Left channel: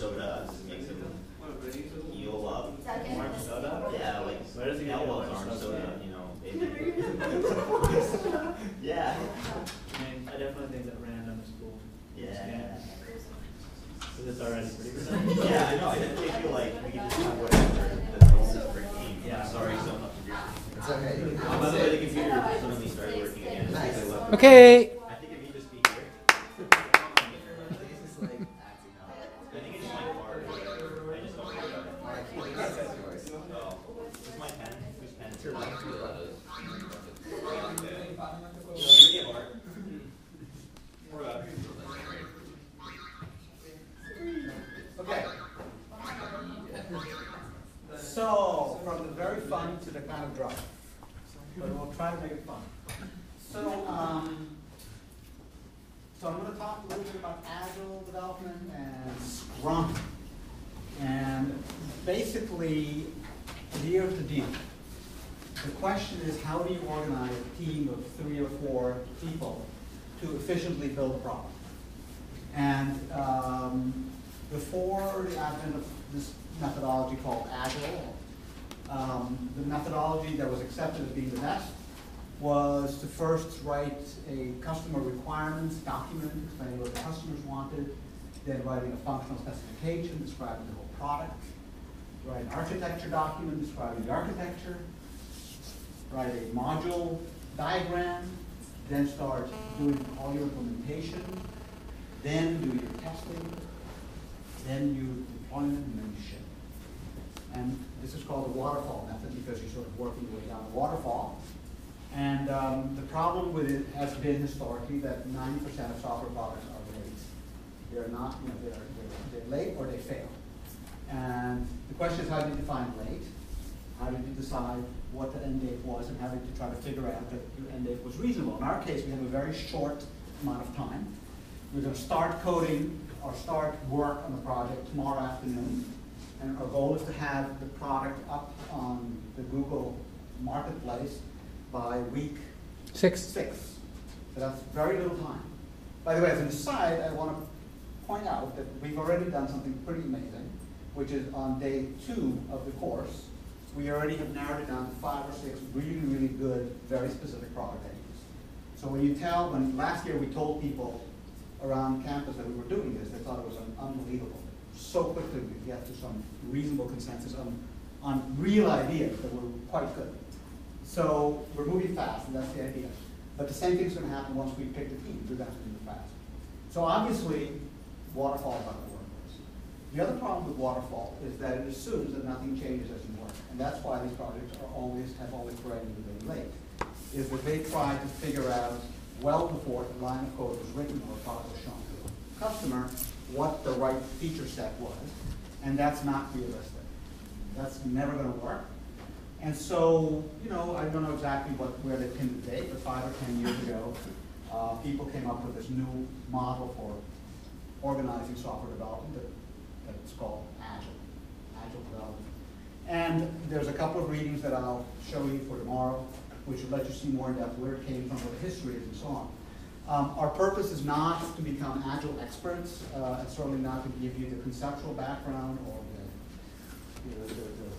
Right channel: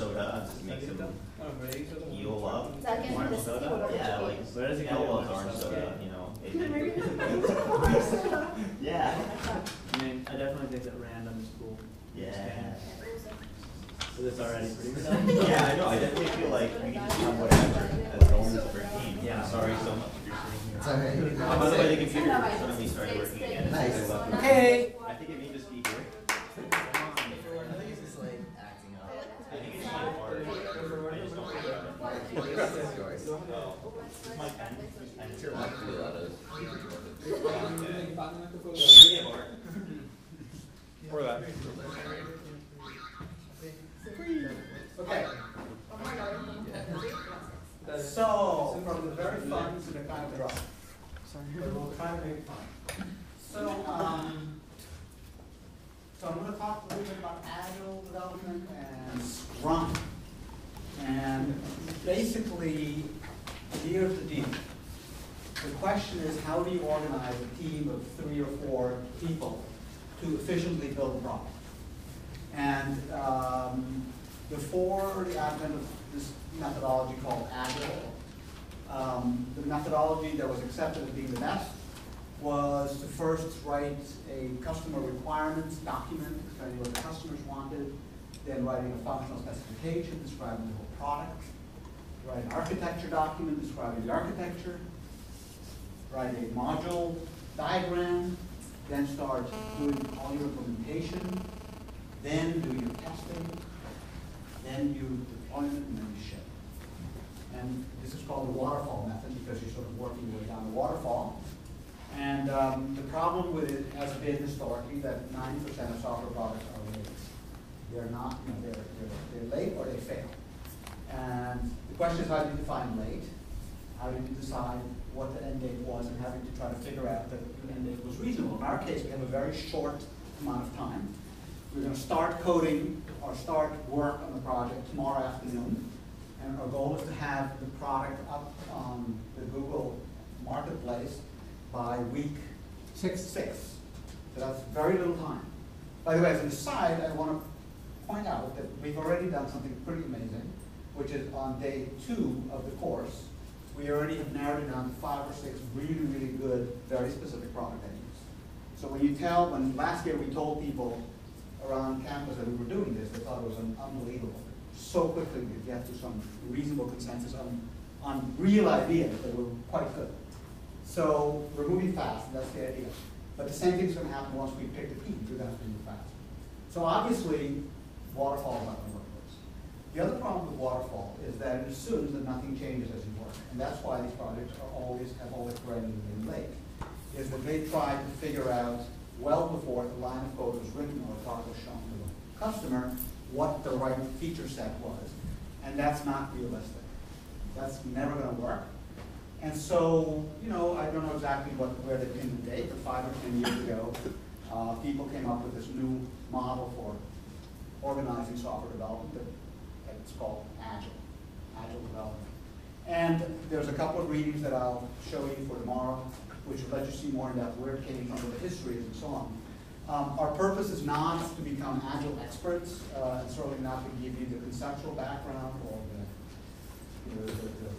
soda just makes him heal up. Orange soda? Yeah, like where does he get Elbows orange orange soda? soda, you know. Yeah. I mean, I definitely think that random is cool. Yeah. So this already pretty good. Yeah, I know. I definitely feel like we can just do whatever as long as we're team. Yeah. Sorry so much. It's okay. By the way, the computer suddenly started working again. Nice. Okay. I think it may just be here. I think it's just like acting up. I think it's my part. I just don't figure it out. Oh, it's my pen. Whose pen is it? Yeah, Bart. Or that. Okay. So, from the very fun to the kind of dry. But we'll try to make it fun. So I'm going to talk a little bit about Agile development and Scrum. And basically, here's the deal. The question is, how do you organize a team of 3 or 4 people to efficiently build a product? And before the advent of this methodology called Agile, the methodology that was accepted as being the best was to first write a customer requirements document explaining what the customers wanted, then writing a functional specification describing the whole product, write an architecture document describing the architecture, write a module diagram, then start doing all your implementation, then do your testing, then you deployment, and then you ship. And this is called the waterfall method because you're sort of working your way down the waterfall. And the problem with it has been historically that 90% of software products are late. They're not, you know, they're late or they fail. And the question is, how do you define late? How did you decide what the end date was, and how did you try to figure out that your end date was reasonable? In our case, we have a very short amount of time. We're going to start coding or start work on the project tomorrow afternoon. And our goal is to have the product up on the Google Marketplace by week 6. So that's very little time. By the way, as an aside, I want to point out that we've already done something pretty amazing, which is on day 2 of the course, we already have narrowed it down to 5 or 6 really, really good, very specific product ideas. So when last year we told people around campus that we were doing this, they thought it was unbelievable. So quickly we get to some reasonable consensus on real ideas that were quite good. So we're moving fast, and that's the idea. But the same thing's going to happen once we pick the team. We're going to have to move fast. So obviously, waterfall is not going to work for us. The other problem with waterfall is that it assumes that nothing changes as you work. And that's why these projects have always perennially late, is that they try to figure out well before the line of code was written or a product was shown to the customer what the right feature set was. And that's not realistic. That's never going to work. And so, you know, I don't know exactly where they pinned the date, but 5 or 10 years ago, people came up with this new model for organizing software development that's called Agile development. And there's a couple of readings that I'll show you for tomorrow, which will let you see more in depth where it came from, what the history is, and so on. Our purpose is not to become Agile experts, and certainly not to give you the conceptual background or the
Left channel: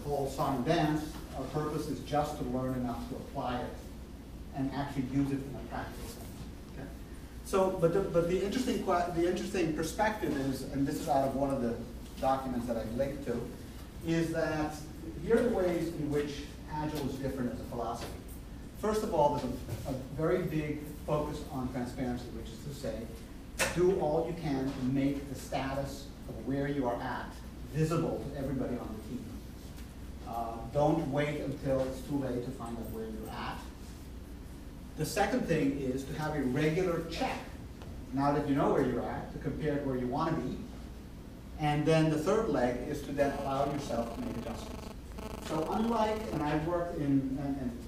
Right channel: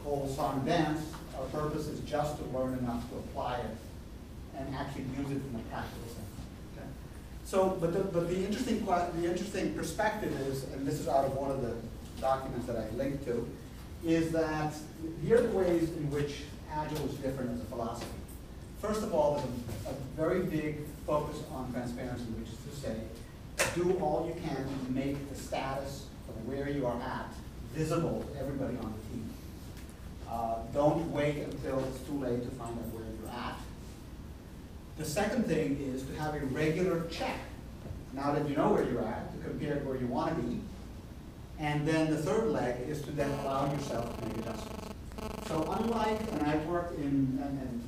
whole song and dance. Our purpose is just to learn enough to apply it and actually use it in a practical sense. Okay? So, but the interesting perspective is, and this is out of one of the documents that I've linked to, is that here are the ways in which Agile is different as a philosophy. First of all, there's a very big focus on transparency, which is to say, do all you can to make the status of where you are at visible to everybody on the team. Don't wait until it's too late to find out where you're at. The second thing is to have a regular check, now that you know where you're at, to compare where you want to be. And then the third leg is to then allow yourself to make adjustments. So unlike, and I've worked in, and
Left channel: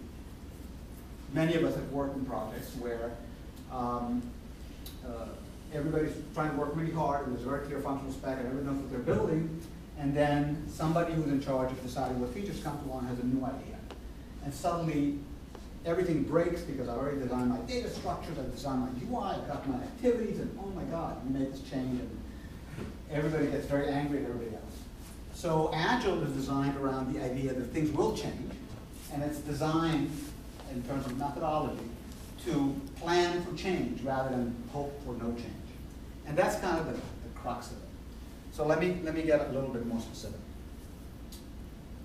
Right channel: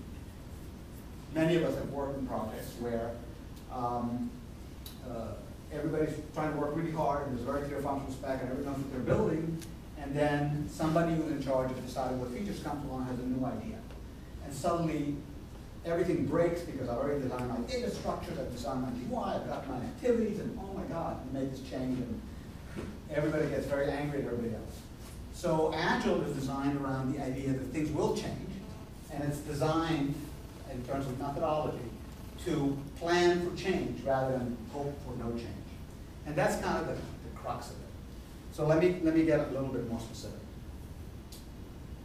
many of us have worked in projects where everybody's trying to work really hard, and there's a very clear functional spec, and everyone knows what they're building, and then somebody who's in charge of deciding what features come along has a new idea. And suddenly, everything breaks because I've already designed my data structures, I've designed my UI, I've got my activities, and oh my God, we made this change, and everybody gets very angry at everybody else. So Agile is designed around the idea that things will change, and it's designed in terms of methodology to plan for change rather than hope for no change. And that's kind of the crux of it. So let me get a little bit more specific.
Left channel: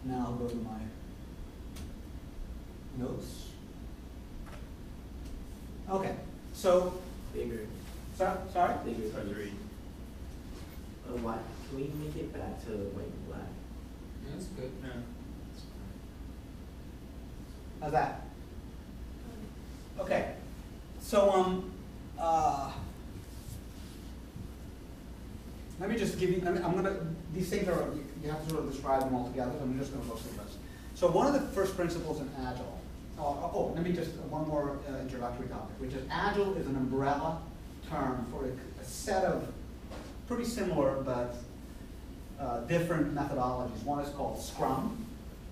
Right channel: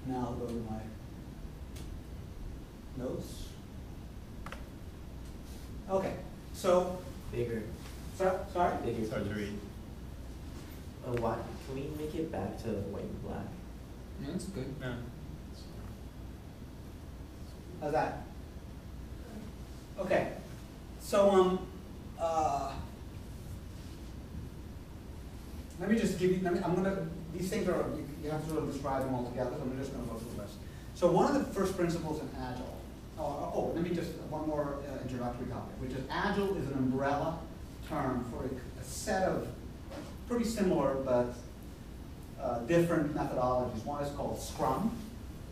Now I'll go to my notes. Okay, so, Bigger. sorry? Bigger. Start to read. Why? Can we make it back to white and black? Yeah, that's good. No. How's that? Okay, so let me just give you, these things are, you have to sort of describe them all together, so I'm just going to go through this. So one of the first principles in Agile, let me just, one more introductory topic, which is Agile is an umbrella term for a set of pretty similar but different methodologies. One is called Scrum,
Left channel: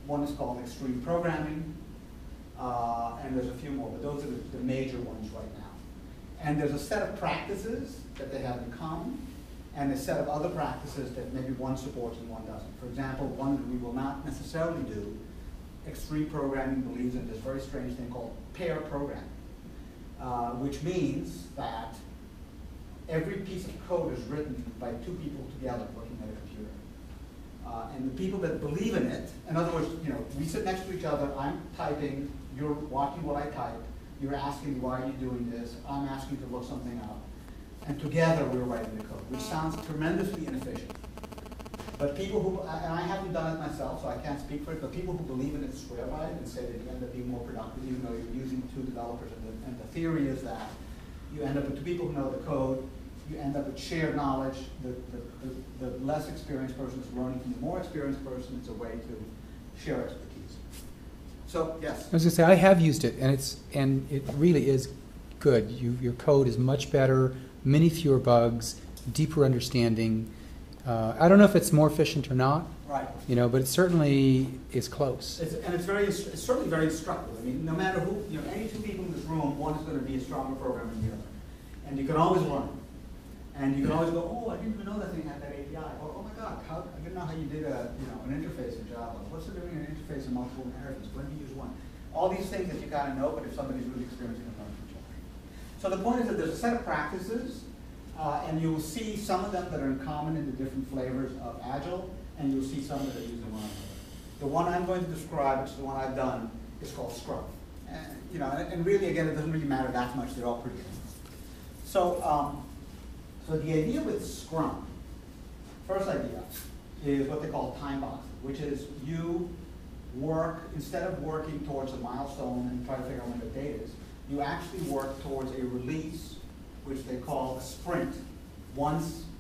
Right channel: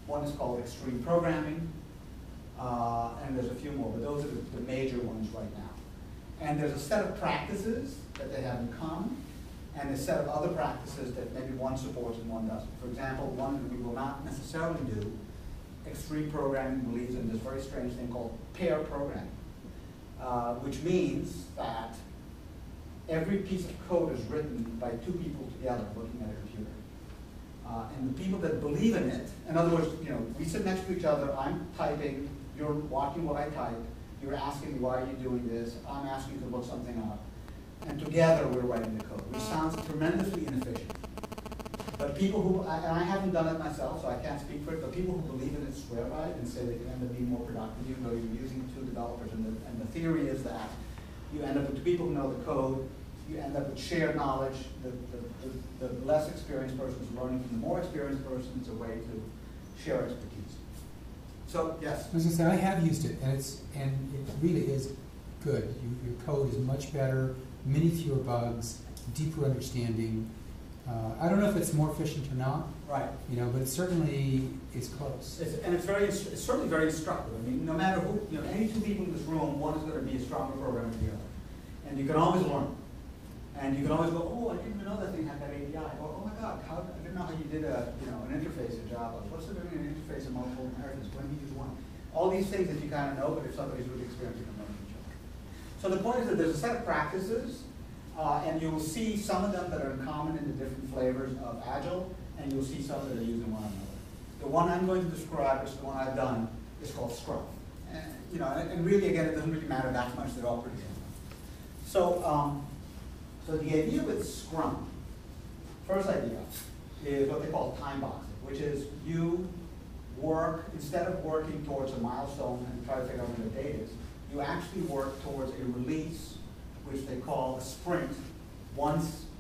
one is called Extreme Programming, and there's a few more, but those are the major ones right now. And there's a set of practices that they have in common, and a set of other practices that maybe one supports and one doesn't. For example, one that we will not necessarily do, Extreme Programming believes in this very strange thing called pair programming, which means that every piece of code is written by two people together working at a computer. And the people that believe in it, in other words, we sit next to each other, I'm typing, you're watching what I type, you're asking me why are you doing this, I'm asking you to look something up, and together we're writing the code, which sounds tremendously inefficient. But people who, and I haven't done it myself, so I can't speak for it, but people who believe in it swear by it and say that you end up being more productive, even though you're using two developers, and the theory is that you end up with two people who know the code, you end up with shared knowledge, the less experienced person is learning from the more experienced person. It's a way to share expertise. So, yes? I was going to say, I have used it, and it really is good. Your code is much better, many fewer bugs, deeper understanding. I don't know if it's more efficient or not, Right. but it certainly is close. It's certainly very instructive. I mean, no matter who, any two people in this room, one is going to be a stronger programmer than the other. And you can always learn. And you can always go, oh, I didn't even know that thing had that API. Or, oh my God, I didn't know how you did an interface in Java. What's the difference in an interface and multiple inheritance? When do you use one? All these things that you kind of know, but if somebody's really experienced, you can learn from each other. So the point is that there's a set of practices, and you will see some of them that are in common in the different flavors of Agile, and you'll see some that are used in one another. The one I'm going to describe, which is the one I've done, is called Scrum. And really, again, it doesn't really matter that much. They're all pretty similar. So the idea with Scrum, first idea, is what they call time boxing, which is you work, instead of working towards a milestone and try to figure out what the date is, you actually work towards a release, which they call a sprint,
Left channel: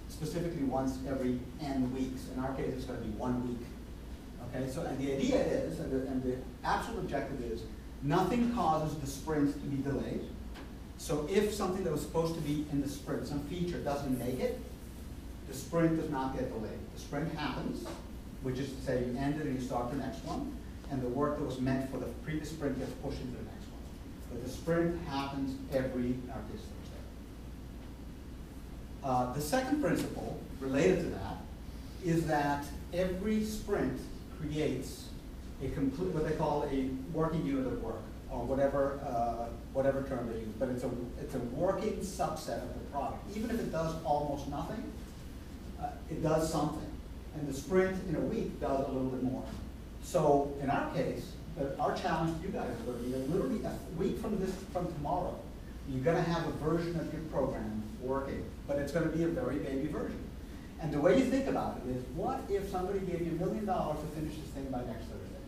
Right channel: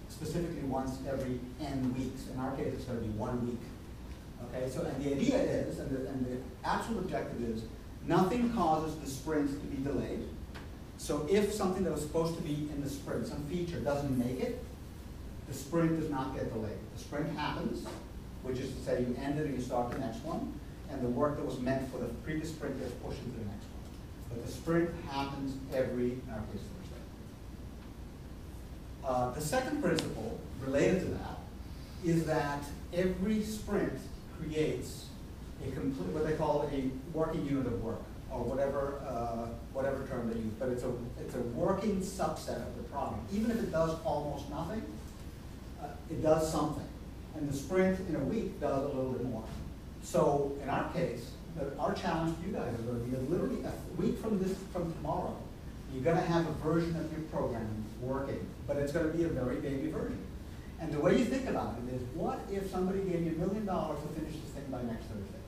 specifically once every n weeks. In our case, it's going to be 1 week. Okay, so and the idea is, and the actual objective is, nothing causes the sprint to be delayed. So if something that was supposed to be in the sprint, some feature doesn't make it, the sprint does not get delayed. The sprint happens, which is to say you end it and you start the next one, and the work that was meant for the previous sprint gets pushed into the next one. But the sprint happens every, in our case, Thursday. The second principle related to that is that every sprint creates a complete, what they call a working unit of work, or whatever term they use, but it's a working subset of the product. Even if it does almost nothing, it does something. And the sprint in a week does a little bit more. So in our case, our challenge to you guys is going to be that literally a week from tomorrow, you're going to have a version of your program working, but it's going to be a very baby version. And the way you think about it is, what if somebody gave you $1 million to finish this thing by next Thursday?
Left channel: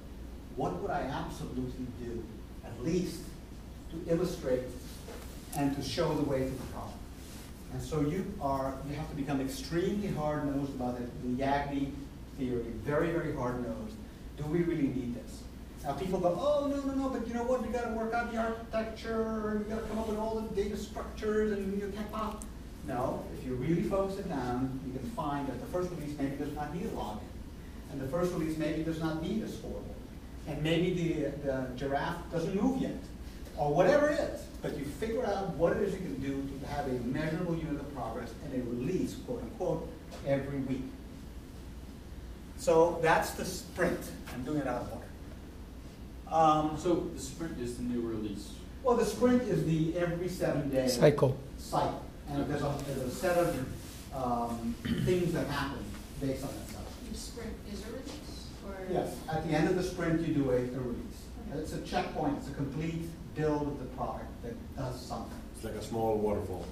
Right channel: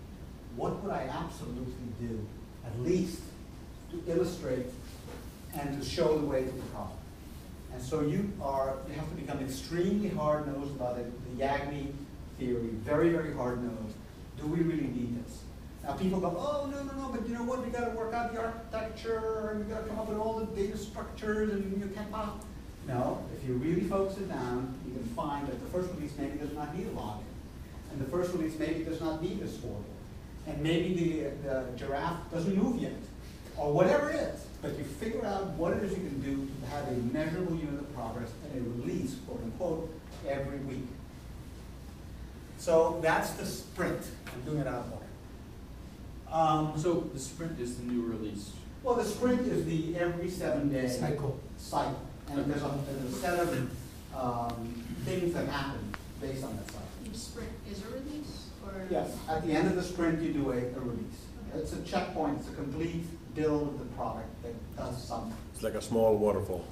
What would I absolutely do, at least to illustrate and to show the way to the problem? And so you have to become extremely hard-nosed about it, the Yagni theory, very, very hard-nosed. Do we really need this? Now people go, oh, no, but you know what, we got to work out the architecture, and we got to come up with all the data structures, and you can't pop. No, if you really focus it down, you can find that the first release maybe does not need a login. And the first release maybe does not need a scoreboard. And maybe the giraffe doesn't move yet, or whatever it is. But you figure out what it is you can do to have a measurable unit of progress and a release, quote unquote, every week. So that's the sprint. I'm doing it out of order. So the sprint is the new release. Well, the sprint is the every 7-day Cycle. And there's a set of things that happen based on that cycle. Each sprint is a release, or? Yes, at the end of the sprint, you do a release. Okay. It's a checkpoint, it's a complete build of the product that does something. It's like a small waterfall.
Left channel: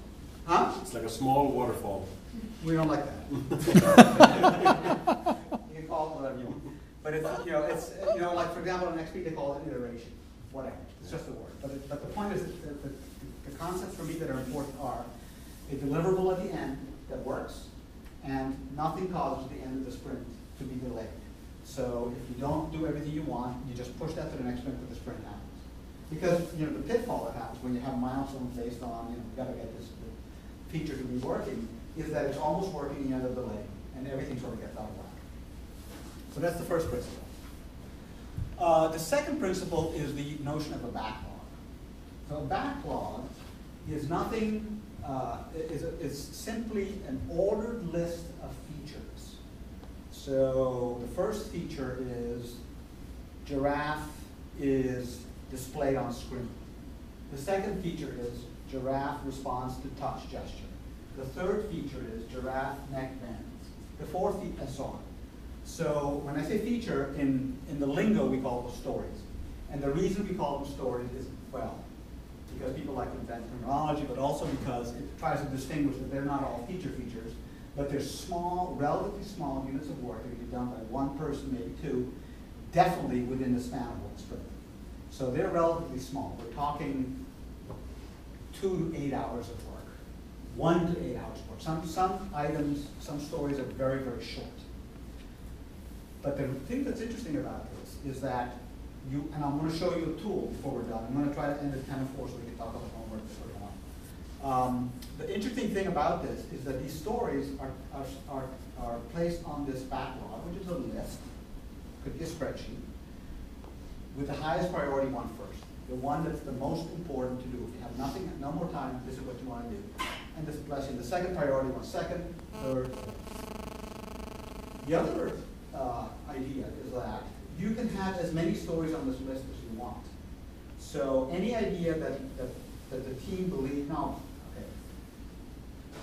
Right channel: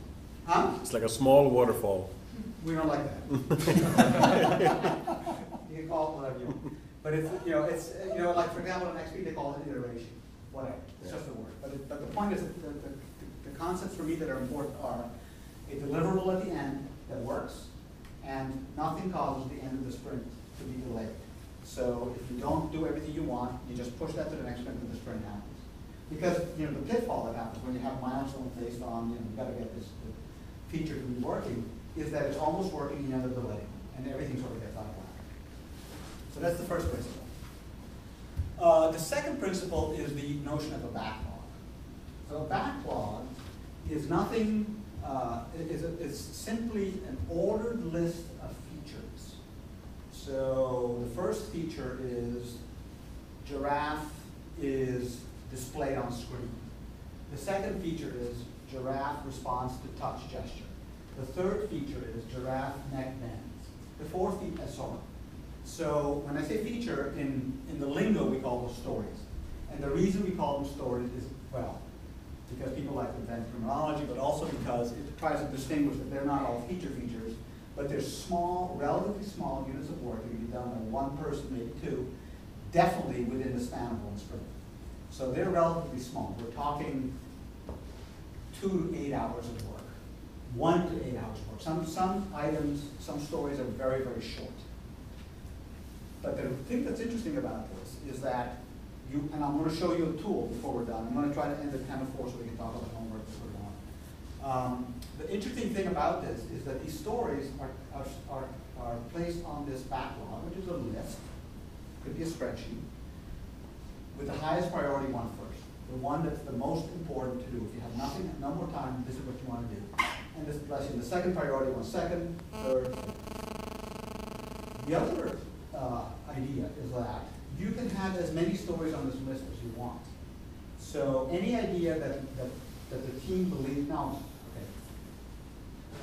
Huh? It's like a small waterfall. We don't like that. You can call it whatever you want. But it's, like for example, in XP they call it iteration, whatever. It's just a word. But the point is that the concepts for me that are important are a deliverable at the end that works, and nothing causes the end of the sprint to be delayed. So if you don't do everything you want, you just push that to the next sprint when the sprint happens. Because the pitfall that happens when you have milestones based on, you got to get this feature to be working, is that it's almost working and you end up delaying, and everything sort of gets out of whack. So that's the first principle. The second principle is the notion of a backlog. So a backlog is nothing, is simply an ordered list of features. So the first feature is giraffe is displayed on screen. The second feature is giraffe responds to touch gesture. The third feature is giraffe neck bends. The fourth feature, and so on. So when I say feature, in the lingo we call them stories. And the reason we call them stories is, well, because people like to invent terminology, but also because it tries to distinguish that they're not all features, but they're small, relatively small units of work that can be done by one person, maybe two, definitely within the span of one sprint. So they're relatively small. We're talking 2 to 8 hours of work, 1 to 8 hours of work. Some items, some stories are very, very short. But the thing that's interesting about this is that and I'm going to show you a tool before we're done. I'm going to try to end at 10:04 so we can talk about homework if we're going. The interesting thing about this is that these stories are placed on this backlog, which is a list, could be a spreadsheet, with the highest priority one first, the one that's the most important to do. If you have nothing, no more time, this is what you want to do. And this bless you, the second priority one second, third. The other idea is that you can have as many stories on this list as you want. So any idea that the team believes,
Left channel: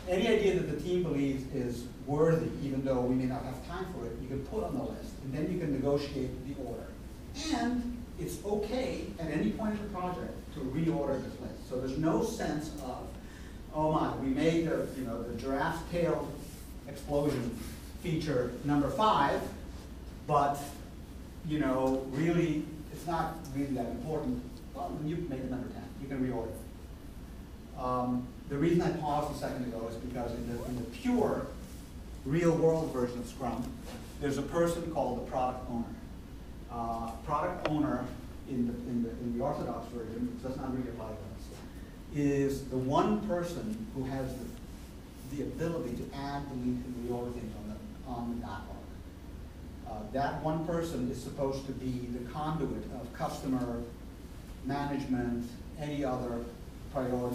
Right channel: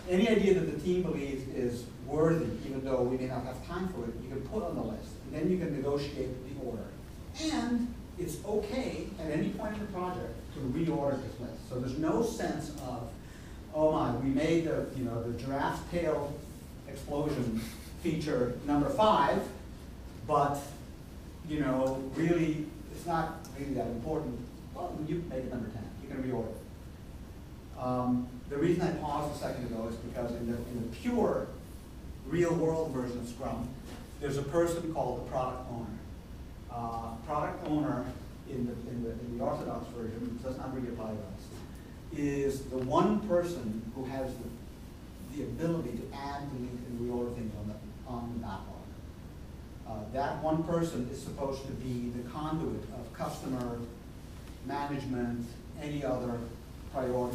any idea that the team believes is worthy, even though we may not have time for it, you can put on the list, and then you can negotiate the order. And it's okay at any point in the project to reorder this list. So there's no sense of, oh my, we made the giraffe tail explosion feature number 5, but really, it's not really that important. Well, when you make it number 10, you can reorder it. The reason I paused a second ago is because in the pure, real-world version of Scrum, there's a person called the product owner. Product owner in the Orthodox version, which does not really apply to us, is the one person who has the ability to add, delete, and reorder things on the backlog. That one person is supposed to be the conduit of customer management, any other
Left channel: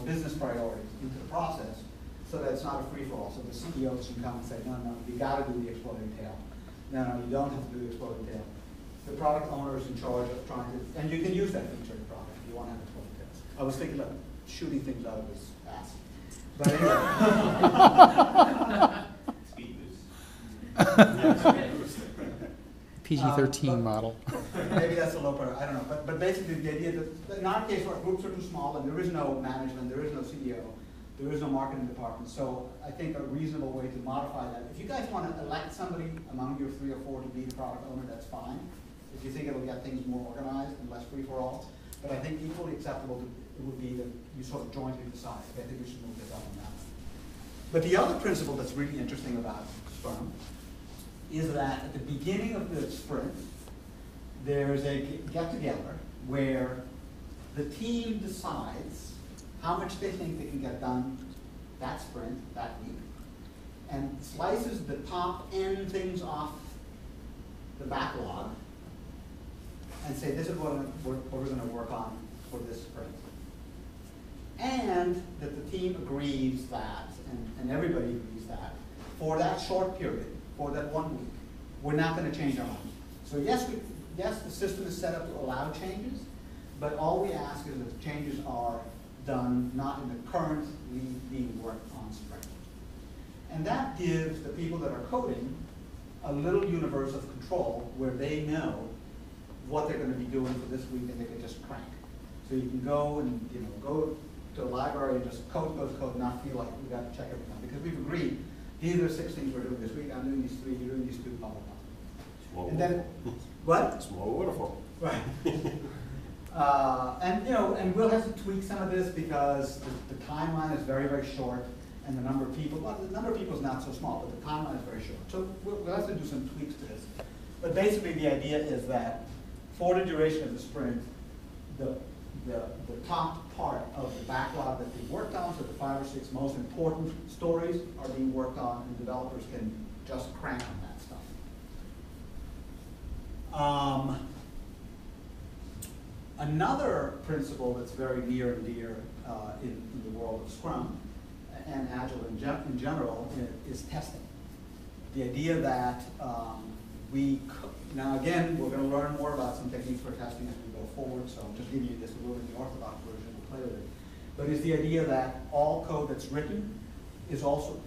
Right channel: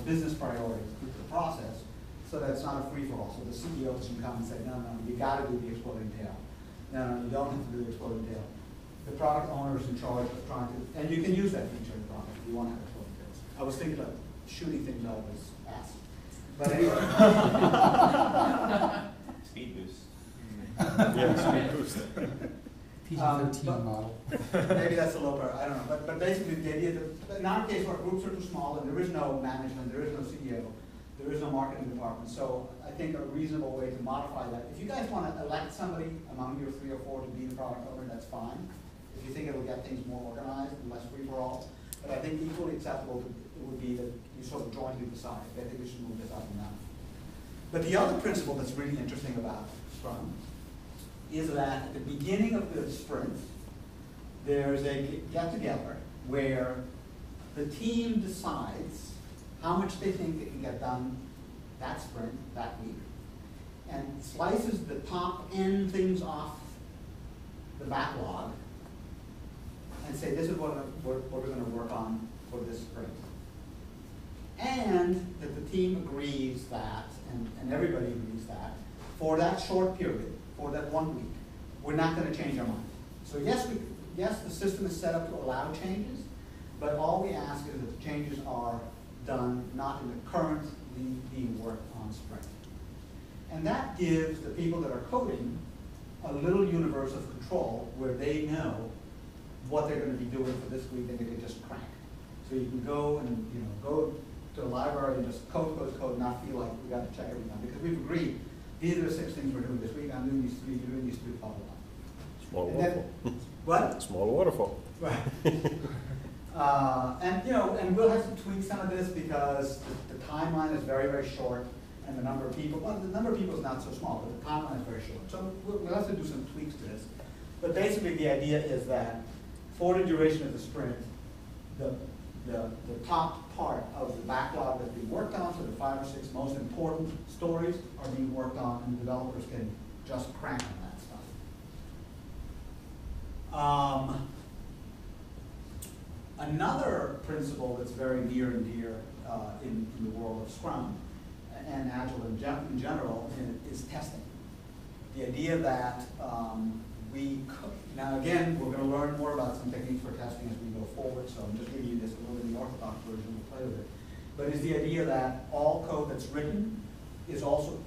business priorities into the process, so that it's not a free-for-all. So the CEOs can come and say, no, you got to do the exploding tail. No, you don't have to do the exploding tail. The product owner is in charge of trying to, and you can use that feature in the product if you want to have exploding tails. I was thinking of shooting things out of his ass. But anyway. Speed boost. Yeah, speed boost. PG-13 model. Maybe that's a low priority, I don't know. But basically the idea that in our case our groups are too small and there is no management, there is no CEO, there is no marketing department. So I think a reasonable way to modify that, if you guys want to elect somebody among your 3 or 4 to be the product owner, that's fine. If you think it'll get things more organized and less free for all. But I think equally acceptable it would be that you sort of jointly decide. I think we should move this up and down. But the other principle that's really interesting about Scrum is that at the beginning of the sprint, there's a get-together where the team decides how much they think they can get done that sprint, that week, and slices the top end things off the backlog and say, this is what we're going to work on for this sprint. And that the team agrees that, and everybody agrees that, for that short period, for that 1 week, we're not going to change our mind. So yes, the system is set up to allow changes, but all we ask is that the changes are done not in the currently being worked on sprint. And that gives the people that are coding a little universe of control where they know what they're going to be doing for this week and they can just crank. So you can go and go to a library and just code, not feel like we got to check everything out. Because we've agreed, these are the 6 things we're doing this week, I'm doing these 3, you're doing these 2, blah, blah, blah. Small And waterfall. then, what? Small waterfall. Right. And we'll have to tweak some of this because the timeline is very, very short, and the number of people, well, the number of people is not so small, but the timeline is very short. So we'll have to do some tweaks to this. But basically, the idea is that for the duration of the sprint, the top part of the backlog that's being worked on, so the 5 or 6 most important stories are being worked on, and developers can just crank on that stuff. Another principle that's very near and dear in the world of Scrum and Agile in general is testing. The idea that now again, we're going to learn more about some techniques for testing as we go forward, so I'm just giving you this a little bit in the orthodox version, we'll play with it. But it's the idea that all code that's written is also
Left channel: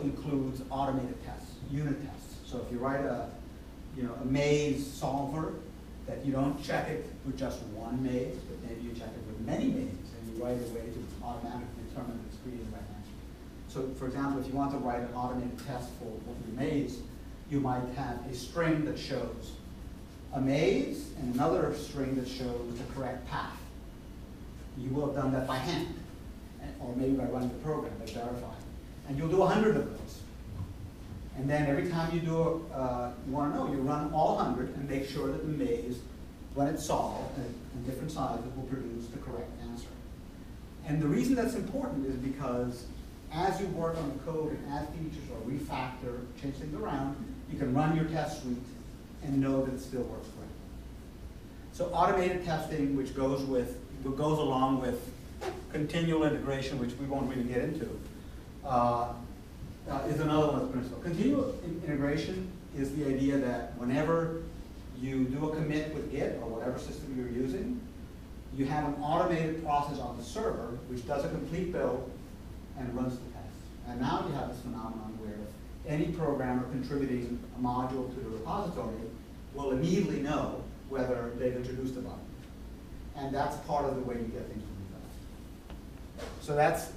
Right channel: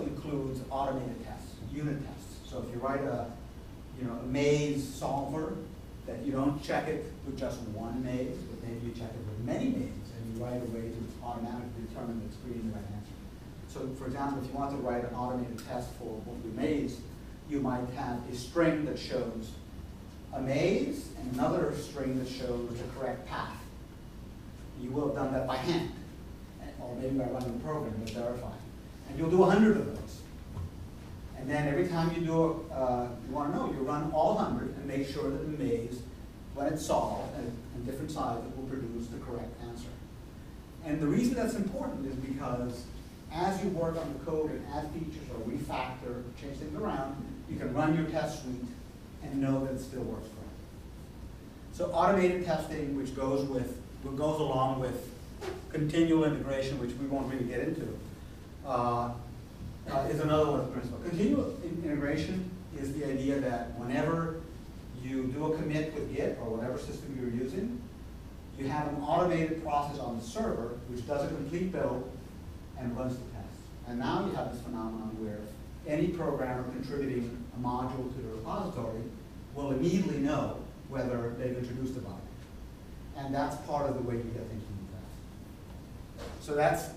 includes automated tests, unit tests. So if you write a maze solver, that you don't check it with just one maze, but maybe you check it with many mazes, and you write a way to automatically determine that it's creating the right answer. So for example, if you want to write an automated test for your maze, you might have a string that shows a maze and another string that shows the correct path. You will have done that by hand, or maybe by running the program, by verifying. And you'll do 100 of those. And then every time you do, you want to know, you run all 100 and make sure that the maze, when it's solved in different sizes, will produce the correct answer. And the reason that's important is because as you work on the code and add features or refactor, change things around, you can run your test suite and know that it still works correctly. So automated testing, which goes along with continual integration, which we won't really get into, is another one of the principles. Continual integration is the idea that whenever you do a commit with Git or whatever system you're using, you have an automated process on the server which does a complete build and runs the test. And now you have this phenomenon where any programmer contributing a module to the repository will immediately know whether they've introduced a bug. And that's part of the way you get things to move fast. So that's,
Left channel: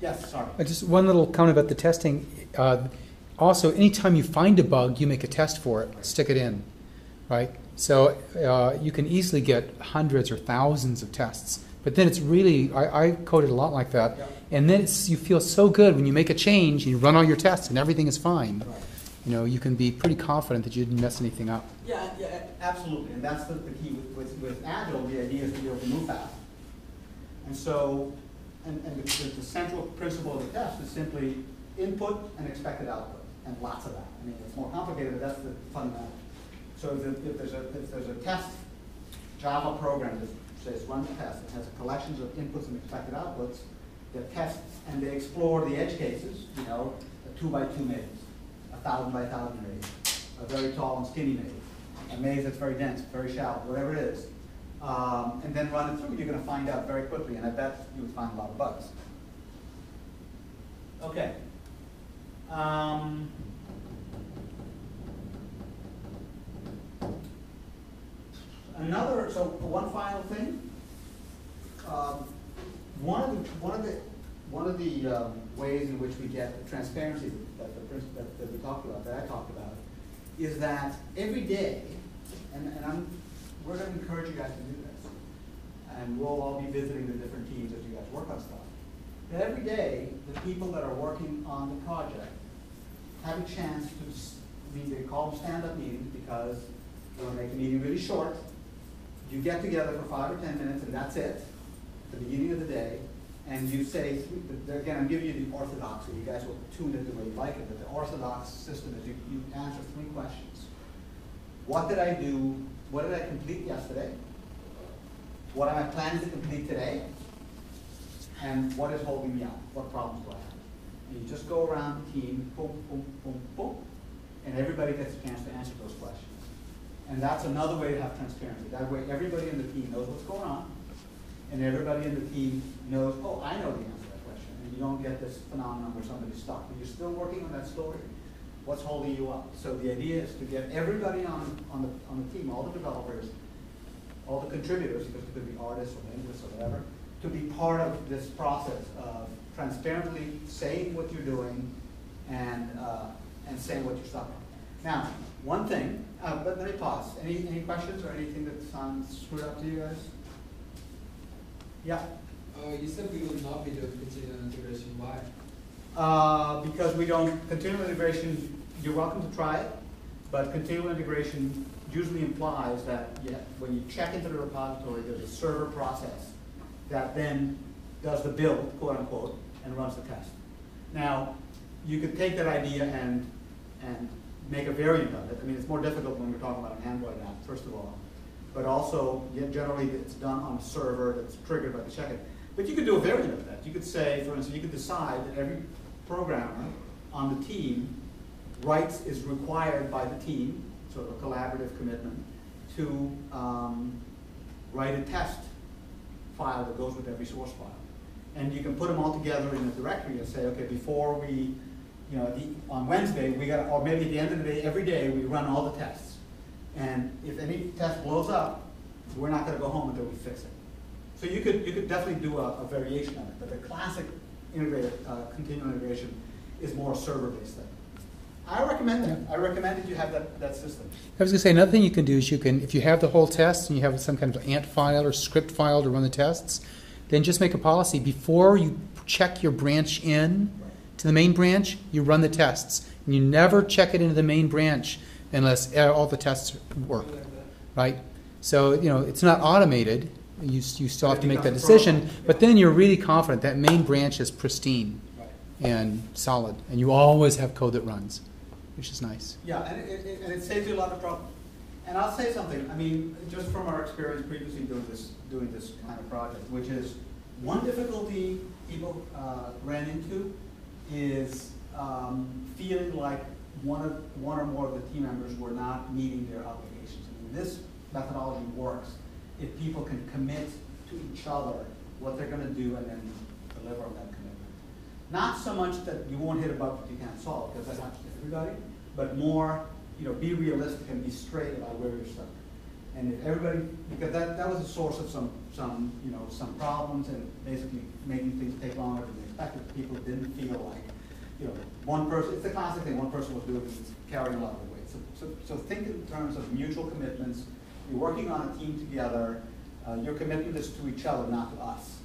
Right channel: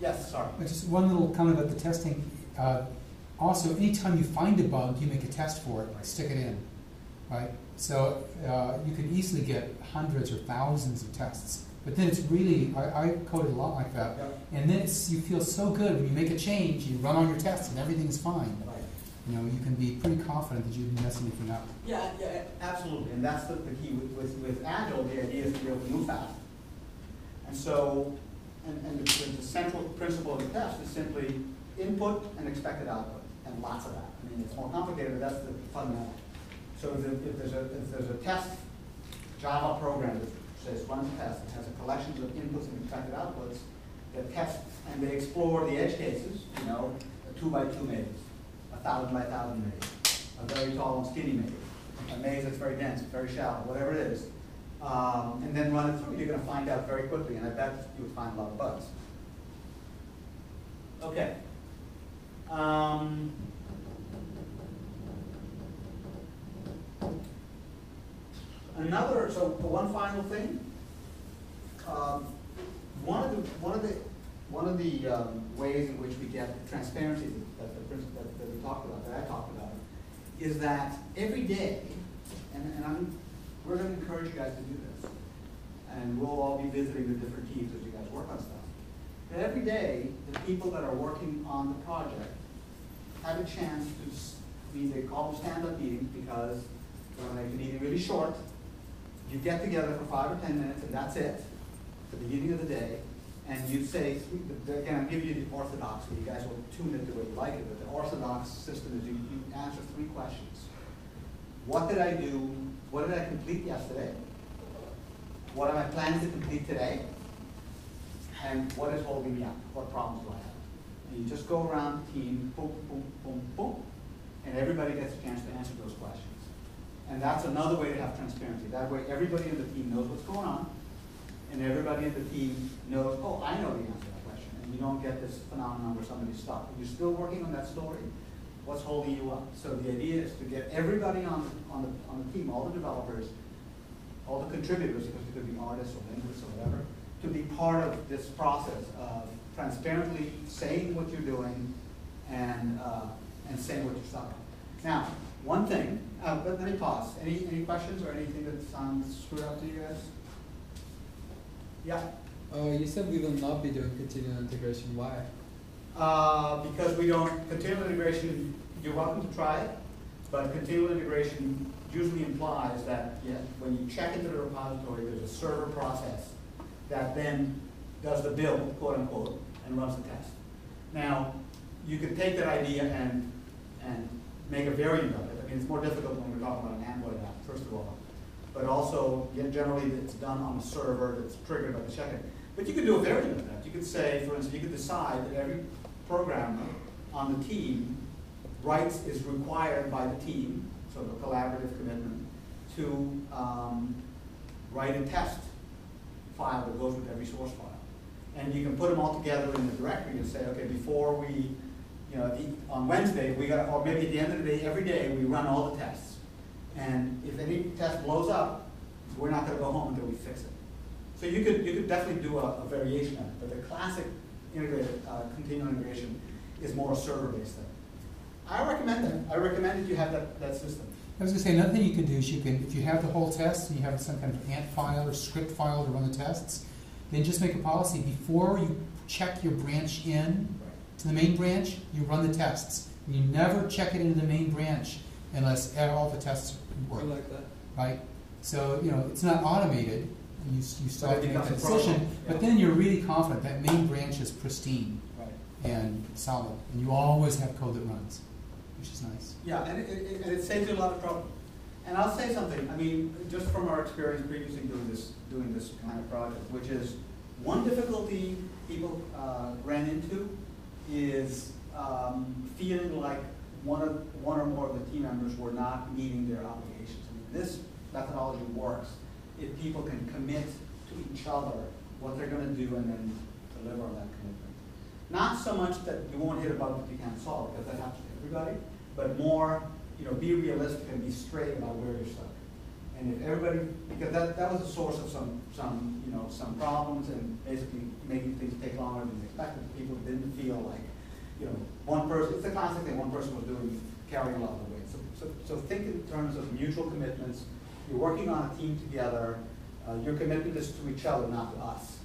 yes, sorry. Just one little comment about the testing. Also, anytime you find a bug, you make a test for it, stick it in, right? So you can easily get hundreds or thousands of tests. But then it's really, I coded a lot like that. Yep. And then you feel so good when you make a change, and you run all your tests, and everything is fine. Right. You can be pretty confident that you didn't mess anything up. Yeah, absolutely. And that's the key. With Agile, the idea is to be able to move fast. And so, and the central principle of the test is simply input and expected output, and lots of that. I mean, it's more complicated, but that's the fundamental. So if there's a test Java program that says run the test, it has a collections of inputs and expected outputs that tests, and they explore the edge cases, a 2x2 maze, 1,000 by 1,000 maze, a very tall and skinny maze, a maze that's very dense, very shallow, whatever it is, and then run it through. You're going to find out very quickly, and I bet you would find a lot of bugs. Okay. So one final thing. One of the ways in which we get transparency that we talked about, that I talked about, is that every day, and we're going to encourage you guys to do this, and we'll all be visiting the different teams as you guys work on stuff. But every day, the people that are working on the project have a chance to they call them stand-up meetings because we want to make the meeting really short. You get together for 5 or 10 minutes, and that's it, at the beginning of the day, and you say, again, I'm giving you the orthodox, so you guys will tune it the way you like it, but the orthodox system is you answer 3 questions. What did I do? What did I complete yesterday? What am I planning to complete today? And what is holding me up? What problems do I have? And you just go around the team, boom, boom, boom, boom, and everybody gets a chance to answer those questions. And that's another way to have transparency. That way everybody in the team knows what's going on, and everybody in the team knows, oh, I know the answer to that question. And you don't get this phenomenon where somebody's stuck. But you're still working on that story. What's holding you up? So the idea is to get everybody on the team, all the developers, all the contributors, because it could be artists or linguists or whatever, to be part of this process of transparently saying what you're doing and saying what you're stuck on. Now, one thing, but let me pause. Any questions or anything that sounds screwed up to you guys? Yeah? You said we will not be doing continual integration. Why? Because we don't, continual integration, you're welcome to try it, but continual integration usually implies that when you check into the repository, there's a server process that then does the build, quote unquote, and runs the test. Now, you could take that idea and make a variant of it. I mean, it's more difficult when we're talking about an Android app, first of all. But also, generally, it's done on a server that's triggered by the check-in. But you could do a variant of that. You could say, for instance, you could decide that every programmer on the team is required by the team, sort of a collaborative commitment, to write a test file that goes with every source file. And you can put them all together in a directory and say, okay, before we, on Wednesday, or maybe at the end of the day, every day, we run all the tests. And if any test blows up, we're not going to go home until we fix it. So you could definitely do a variation of it, but the classic integrated continual integration is more a server-based thing. I recommend that. I recommend that you have that system. I was going to say, another thing you can do is if you have the whole test and you have some kind of ant file or script file to run the tests, then just make a policy. Before you check your branch in to the main branch, you run the tests. And you never check it into the main branch unless all the tests work, right? So, it's not automated. You still have to make that decision, but then you're really confident that main branch is pristine and solid, and you always have code that runs, which is nice. Yeah, and it saves you a lot of trouble. And I'll say something, I mean, just from our experience previously doing this kind of project, which is one difficulty people ran into is feeling like one or more of the team members were not meeting their obligations. I mean, this methodology works if people can commit to each other what they're going to do and then deliver on that commitment. Not so much that you won't hit a bug that you can't solve, because that happens to everybody, but more, be realistic and be straight about where you're stuck. And if everybody, because that was a source of some problems and basically making things take longer than expected. People didn't feel like, one person, it's the classic thing, one person was carrying a lot of the weight. So think in terms of mutual commitments. You're working on a team together. Your commitment is to each other, not to us,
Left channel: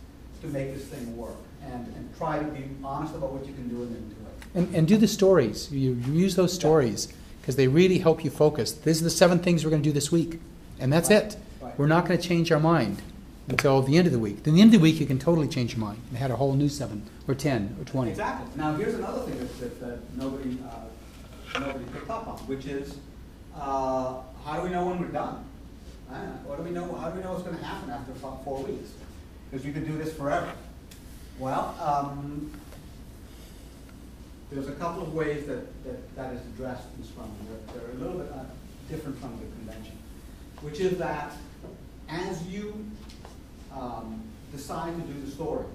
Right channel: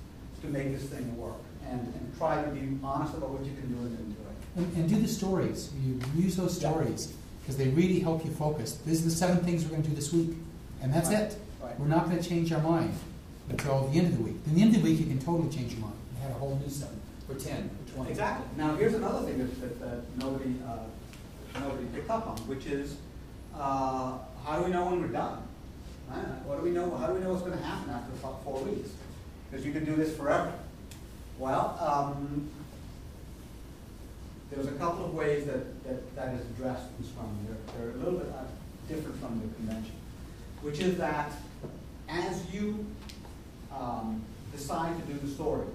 to make this thing work. And try to be honest about what you can do and then do it. And do the stories. You use those stories because they really help you focus. These are the 7 things we're going to do this week. And that's it. Right. We're not going to change our mind until the end of the week. Then the end of the week, you can totally change your mind and have a whole new 7 or 10 or 20. Exactly. Now, here's another thing that nobody picked up on, which is how do we know when we're done? What do we know? How do we know what's going to happen after 4 weeks? Because you could do this forever. Well, there's a couple of ways that is addressed in Scrum. They're a little bit different from the convention, which is that as you decide to do the stories,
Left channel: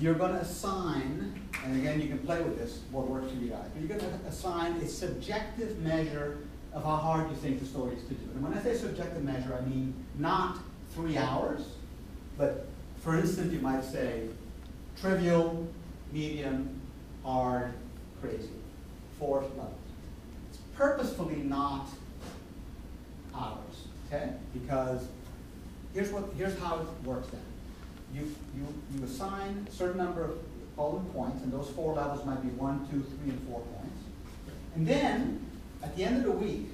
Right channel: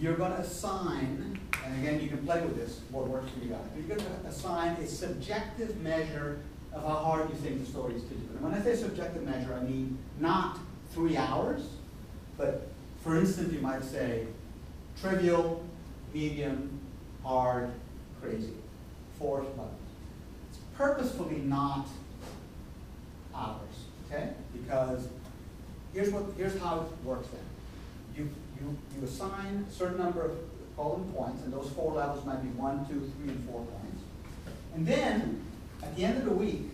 you're going to assign, and again, you can play with this, what works for you guys, but you're going to assign a subjective measure of how hard you think the story is to do. And when I say subjective measure, I mean not 3 hours, but for instance, you might say trivial, medium, hard, crazy, 4 levels. It's purposefully not hours, okay? Because here's how it works then. You assign a certain number of column points, and those 4 levels might be 1, 2, 3, and 4 points. And then, at the end of the week,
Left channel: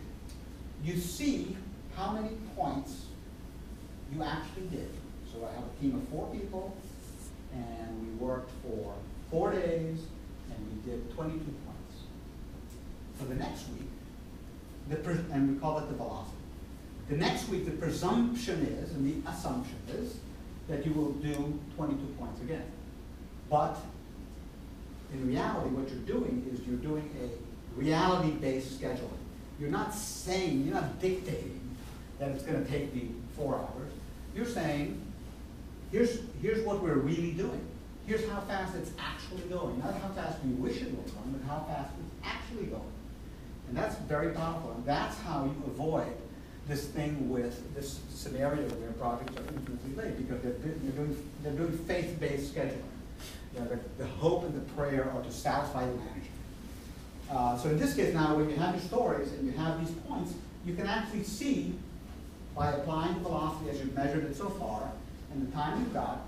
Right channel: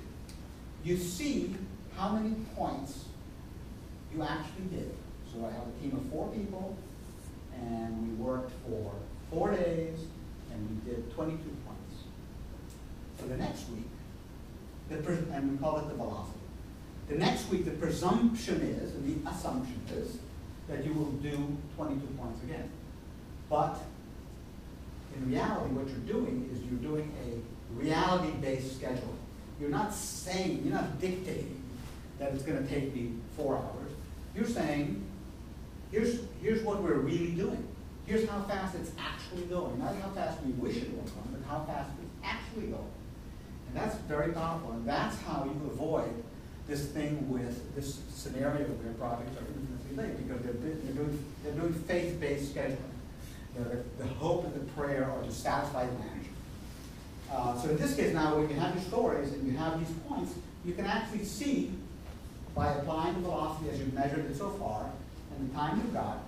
you see how many points you actually did. So I have a team of 4 people, and we worked for 4 days, and we did 22 points. For the next week, and we call it the velocity. The next week, the presumption is, and the assumption is, that you will do 22 points again. But in reality, what you're doing is you're doing a reality-based scheduling. You're not saying, you're not dictating that it's going to take me 4 hours. You're saying, here's what we're really doing. Here's how fast it's actually going. Not how fast we wish it would come, but how fast it's actually going. And that's very powerful. And that's how you avoid this thing with this scenario where projects are infinitely late, because they're doing faith-based scheduling. You know, the hope and the prayer are to satisfy the manager. So in this case now, when you have your stories and you have these points, you can actually see, by applying the velocity as you've measured it so far, and the time you've got,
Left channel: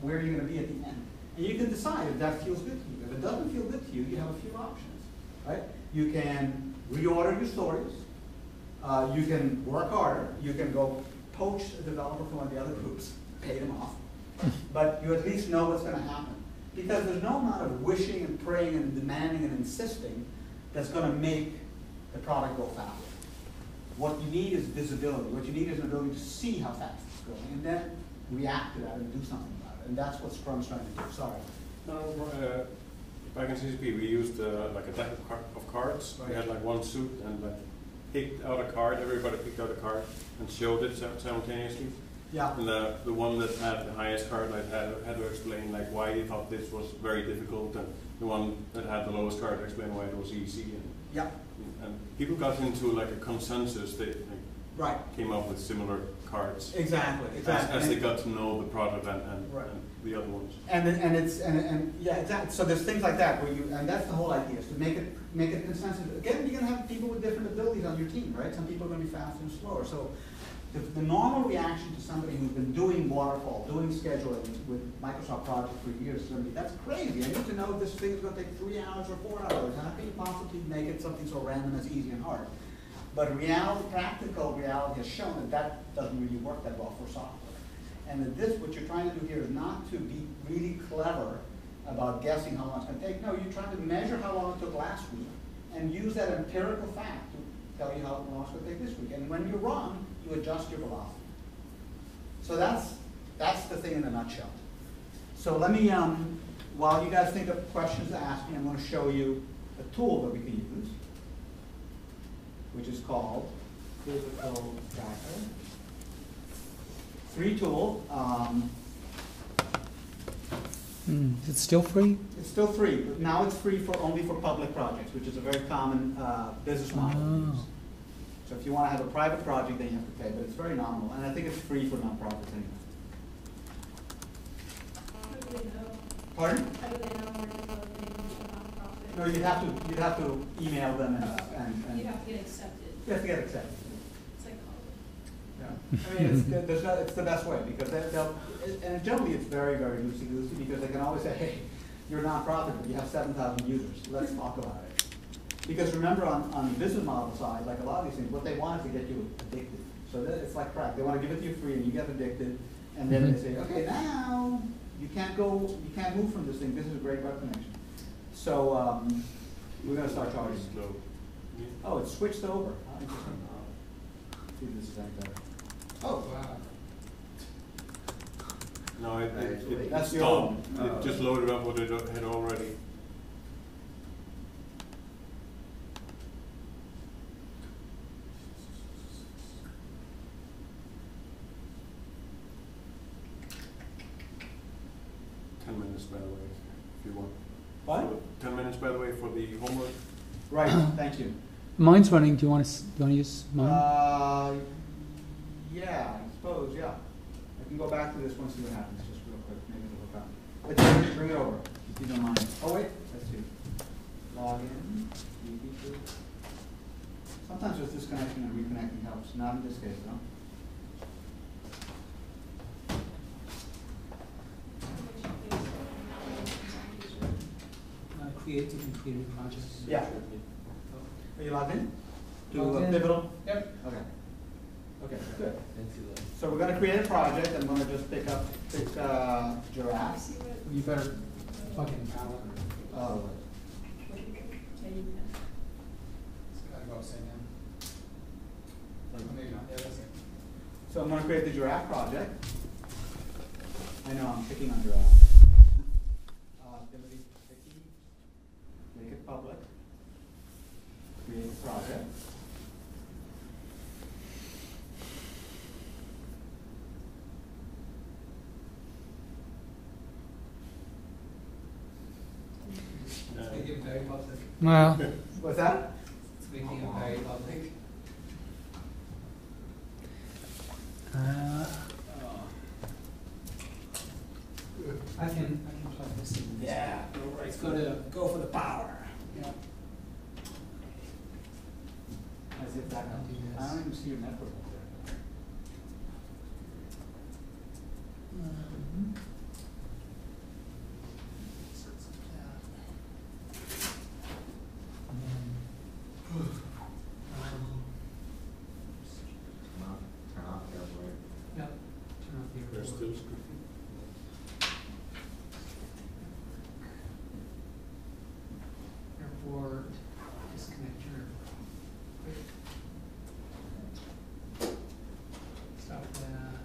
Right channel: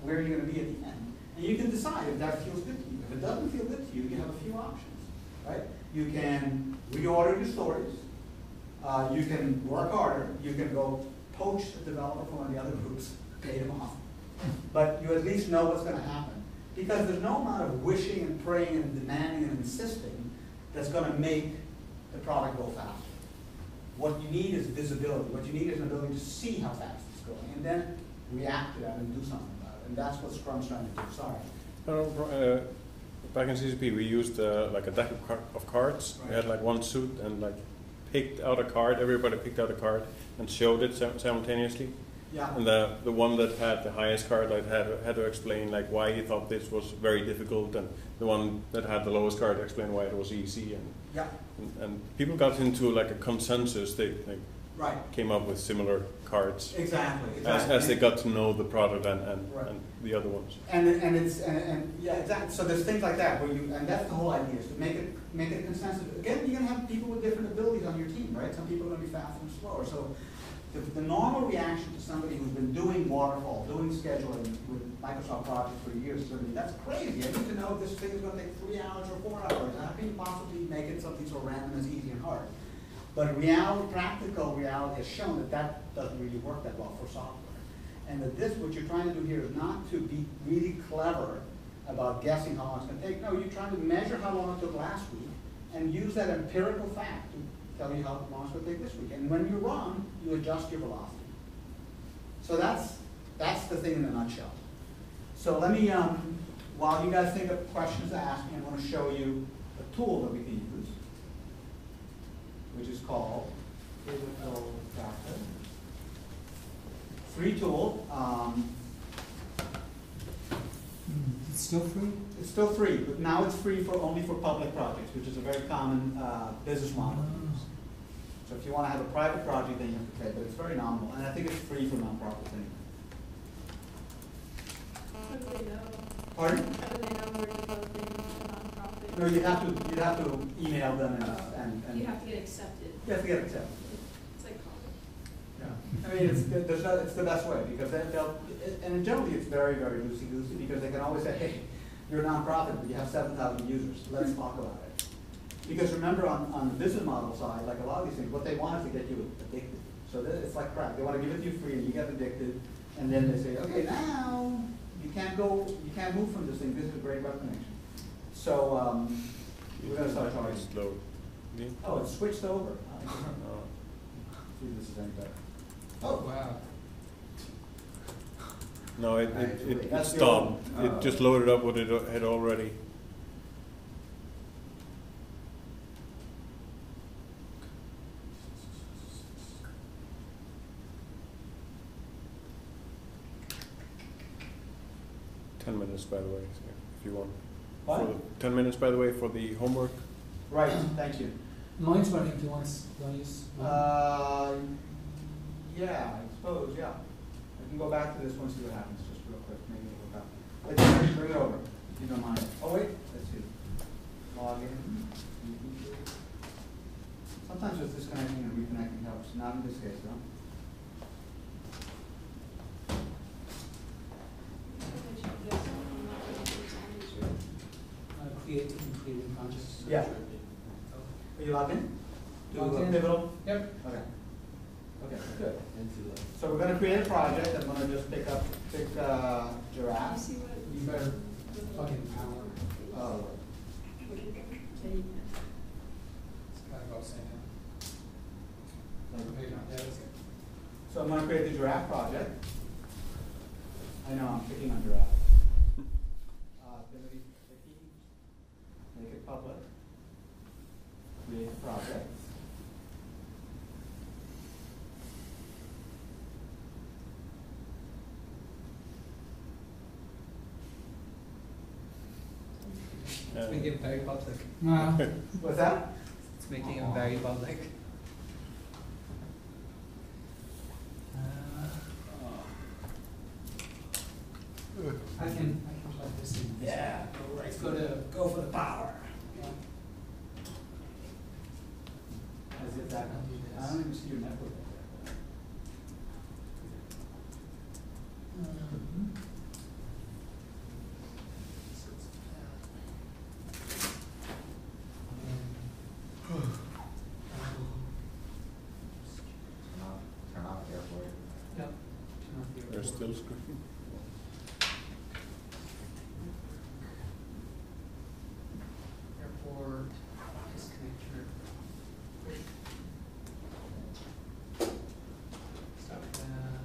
where you're going to be at the end. And you can decide if that feels good to you. If it doesn't feel good to you, you have a few options, right? You can reorder your stories. You can work harder. You can go poach a developer from one of the other groups, pay them off. But you at least know what's going to happen. Because there's no amount of wishing and praying and demanding and insisting that's going to make the product go faster. What you need is visibility. What you need is an ability to see how fast it's going, and then react to that and do something about it. And that's what Scrum's trying to do. Sorry. No, back in CCP, we used like a deck of cards. Right. We had like one suit and like picked out a card. Everybody picked out a card and showed it simultaneously. Yeah. And the one that had the highest card like had to explain like why he thought this was very difficult, and the one that had the lowest card explained why it was easy. And Yeah. and people got into like a consensus. They Right. came up with similar cards Exactly. as they got to know the product and Right. the other ones. And yeah, exactly. So there's things like that where and that's the whole idea, is to make it a consensus. Again, you're gonna have people with different abilities on your team, right? Some people are gonna be faster and slower. So the normal reaction to somebody who's been doing waterfall, doing scheduling with Microsoft projects for years is gonna be, that's crazy. I need to know if this thing is gonna take 3 hours or 4 hours. How can you possibly make it something so random as easy and hard? But practical reality has shown that that doesn't really work that well for software. And that what you're trying to do here is not to be really clever about guessing how long it's going to take. No, you're trying to measure how long it took last week and use that empirical fact to tell you how long it's going to take this week. And when you're wrong, you adjust your velocity. So that's the thing in a nutshell. So let me, while you guys think of questions to ask me, I'm going to show you a tool that we can use, which is called Physical Tracker. Free tool. Is it still free? It's still free, but now it's free only for public projects, which is a very common business model to use. So if you want to have a private project, then you have to pay, but it's very nominal, and I think it's free for nonprofits anyway. How do they know? Pardon? How do they know we're developing a nonprofit? No, you'd have to email them and You have to get accepted. you have to get accepted. It's like college. Yeah. I mean, it's the best way, because and generally it's very, very loosey-goosey, because they can always say, hey, you're a nonprofit, but you have 7,000 users. Let's talk about it. Because remember, on the business model side, like a lot of these things, what they want is to get you addicted. So it's like crack. They want to give it to you free, and you get addicted, and then they say, okay, now you can't move from this thing. This is a great web connection. So we're going to start charging. Slow. Oh, it's switched over. See if this is any better. Oh, wow. No, it That's your stopped. own. It just loaded up what it had already. $10 by the way, if you want. What? 10 minutes, by the way, for the homework. Right, thank you. Mine's running. Do you want to use mine? Yeah, I suppose, yeah. I can go back to this one, see what happens, just real quick, maybe it'll work out. Let's bring it over, if you don't mind. Oh, wait, let's see. Log in. Sometimes just disconnecting and reconnecting helps, not in this case, though. Create new projects. Yeah. Are you logged in? To Logged in. Pivotal? Yep. Okay. Okay, good. Into the. So we're going to create a project. I'm going to just pick Giraffe. See what? You better plug in power. Oh, What do you think? Yeah, you can. It's gotta go upside down. like- Maybe not. Yeah, that's it. So I'm going to create the Giraffe project. I know I'm picking on Giraffe. Ability picky. make it public, create a project. It's making it very public. Well, What's that? It's making it very public. I can plug this in. Yeah, let's go for the power. Yeah. As if that, I'll do this. I don't even see your network up there. Turn off airport. Yep. Turn off the There's airport. still screen. Airport, disconnect your. Stop that.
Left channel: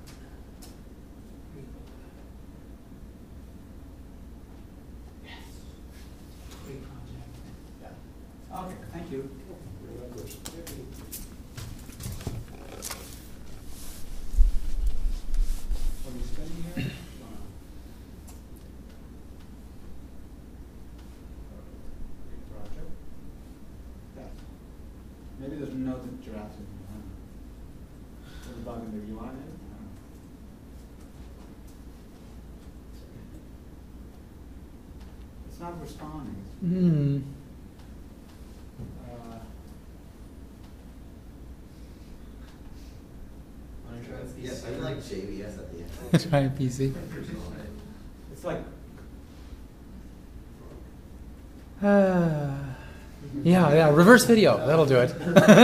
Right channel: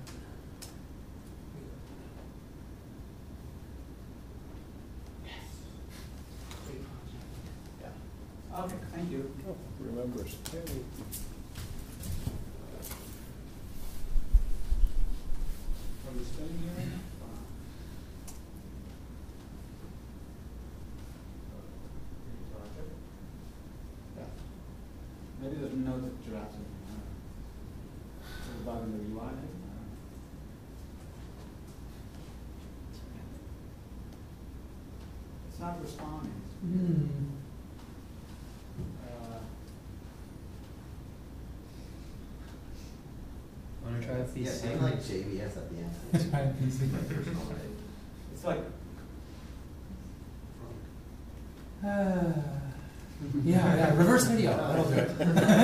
Yes. Great project. Yeah. Okay, thank you. Remembers. Are we spending here? Project. Yeah. Maybe there's a note that you're asking. There's a bug in the UI. I don't know. It's not responding. Hmm. Wanna try this? Yeah, maybe like JBS at the end. Try PC. It's like, Yeah, reverse video, that'll do it. It's type this, I don't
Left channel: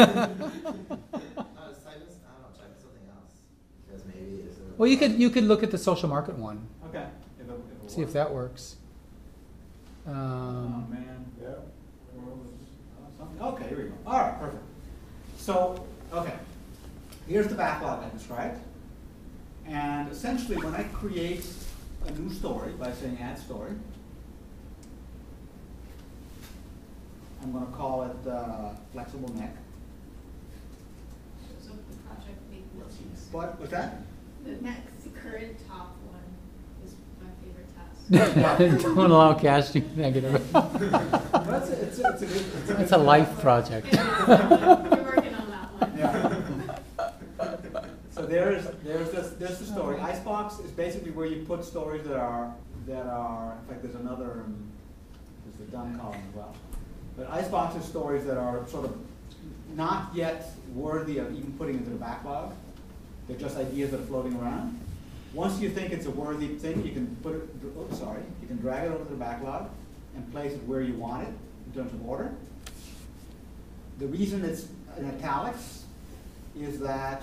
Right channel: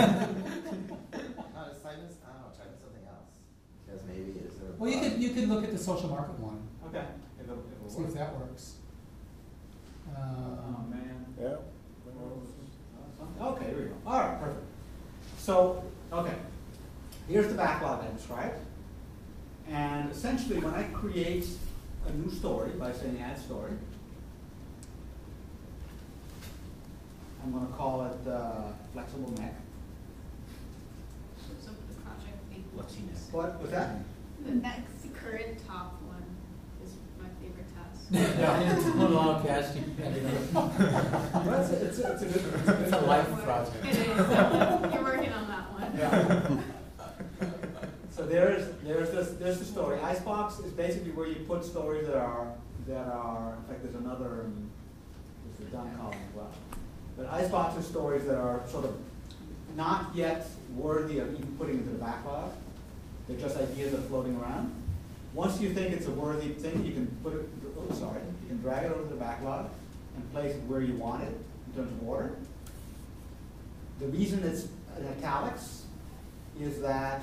know, try something else. Because maybe it's a. Well, you could look at the social market one, okay, it'll see if work. that works. Oh, man. Yeah. Okay, here we go. All right, perfect. So, okay, here's the backlog I described. And essentially, when I create a new story by saying add story, I'm going to call it flexible neck. So the project name. What was that? The next current top one is my favorite task. Don't allow casting negative. Well, it's a good. It's a life project. It is. You're working on that one. Yeah. So there's the story. Icebox is basically where you put stories that are in fact there's another there's the done column as well. But Icebox is stories that are sort of not yet worthy of even putting into the backlog. They're just ideas that are floating around. Once you think it's a worthy thing, you can put it. Oh, sorry, you can drag it over to the backlog and place it where you want it in terms of order. The reason it's in italics is that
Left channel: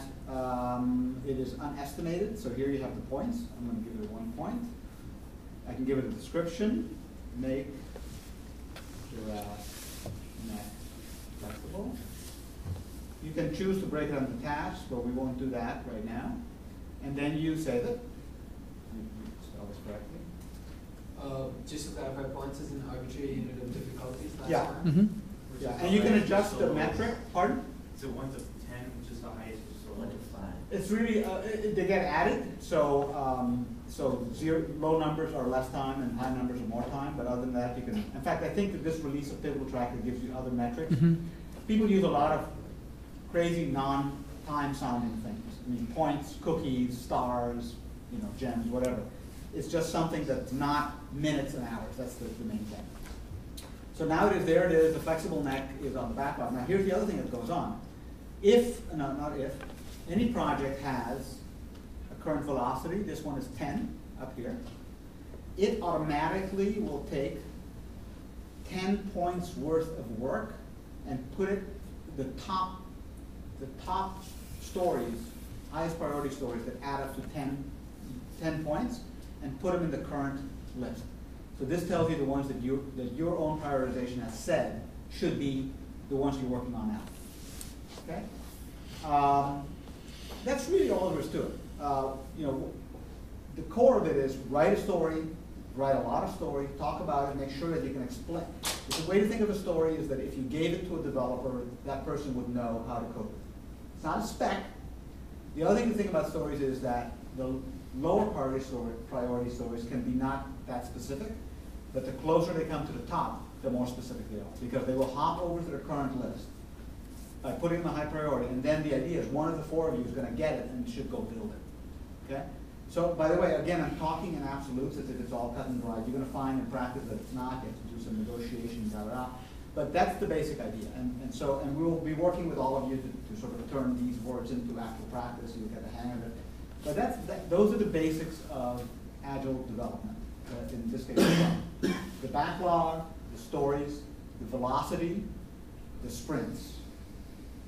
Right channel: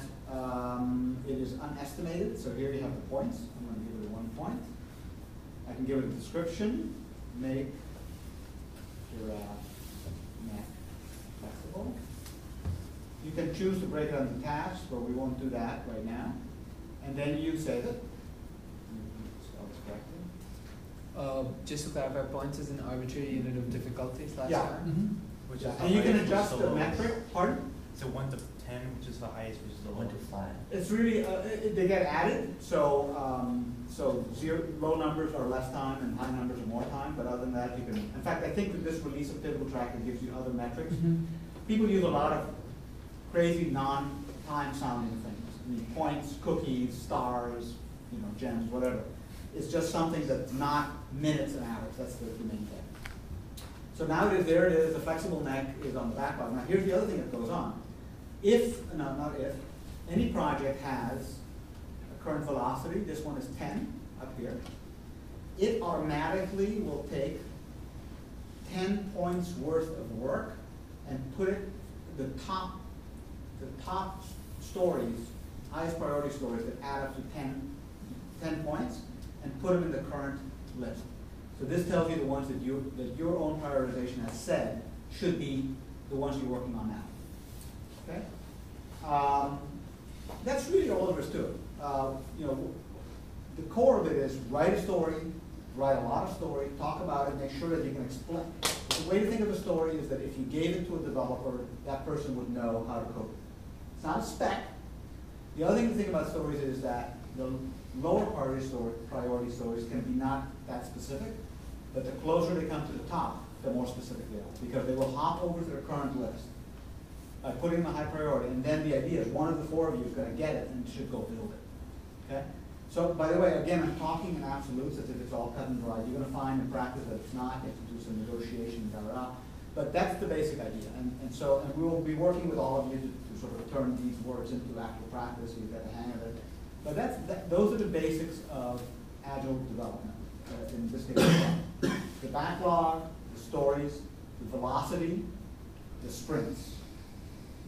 it is unestimated. So here you have the points. I'm going to give it a 1 point. I can give it a description. Make giraffe neck flexible. You can choose to break it into tasks, but we won't do that right now. And then you save it. You spell this correctly. Just to clarify, points is an arbitrary unit of difficulty. That's Yeah. fine. Mhm. Yeah. And you can adjust the metric. Pardon? So 1 to 10, which is the highest, which is the 1 to lowest. 5. It's really they get added. So low numbers are less time, and high numbers are more time. But other than that, you can. In fact, I think that this release of Pivot Tracker gives you other metrics. Mhm. People use a lot of crazy non-time sounding things. I mean, points, cookies, stars, gems, whatever. It's just something that's not minutes and hours. That's the main thing. So now there it is. The flexible neck is on the backlog. Now here's the other thing that goes on. Not if, any project has a current velocity, this one is 10 up here, it automatically will take 10 points worth of work and put it the top stories, highest priority stories that add up to 10 points, and put them in the current list. So this tells you the ones that your own prioritization has said should be the ones you're working on now. Okay? That's really all there is to it. The core of it is write a story, write a lot of story, talk about it, make sure that you can explain. The way to think of a story is that if you gave it to a developer, that person would know how to code it. It's not a spec. The other thing to think about stories is that the lower priority stories can be not that specific, but the closer they come to the top, the more specific they are, because they will hop over to their current list by putting them a high priority, and then the idea is one of the four of you is going to get it and should go build it. Okay? So, by the way, again, I'm talking in absolutes as if it's all cut and dried. You're going to find in practice that it's not. You have to do some negotiation, but that's the basic idea. And we will be working with all of you to sort of turn these words into actual practice so you get a hang of it. But those are the basics of Agile development, in this case. The backlog, the stories, the velocity, the sprints.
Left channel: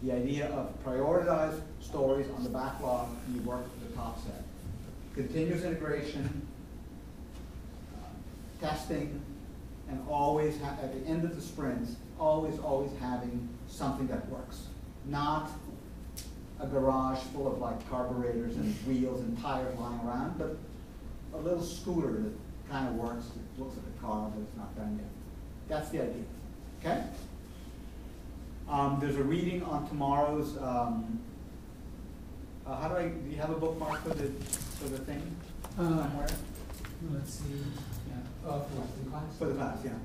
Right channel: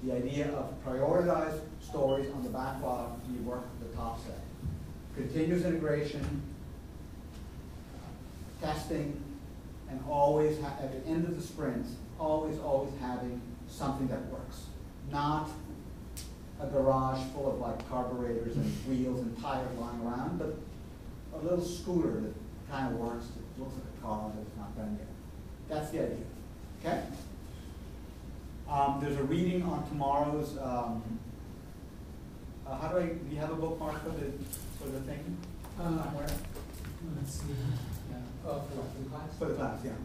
The idea of prioritized stories on the backlog, you work the top set. Continuous integration, testing, and always, at the end of the sprints, always having something that works. Not a garage full of like carburetors and wheels and tires lying around, but a little scooter that kind of works, it looks like a car, but it's not done yet. That's the idea, okay? There's a reading on tomorrow's, do you have a bookmark for the thing somewhere? Let's see. Yeah. For the class? For the class, yeah.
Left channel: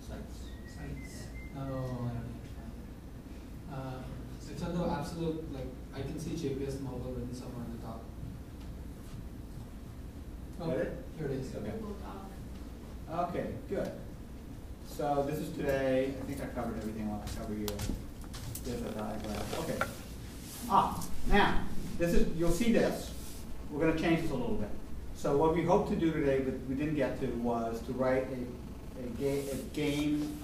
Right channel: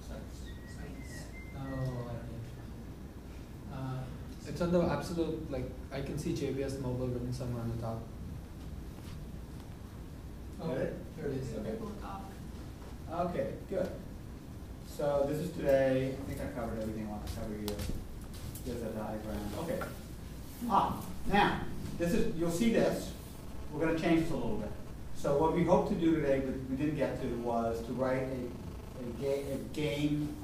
Sites. Oh, I don't know. It's on the absolute, like, I can see JBS mobile written somewhere on the top. Oh, Got it? here it is. Okay. Google Doc. Okay, good. So this is today. I think I covered everything I want to cover here. There's a diagram. Okay. Now, this is, you'll see this. We're going to change this a little bit. So what we hoped to do today, but we didn't get to, was to write a game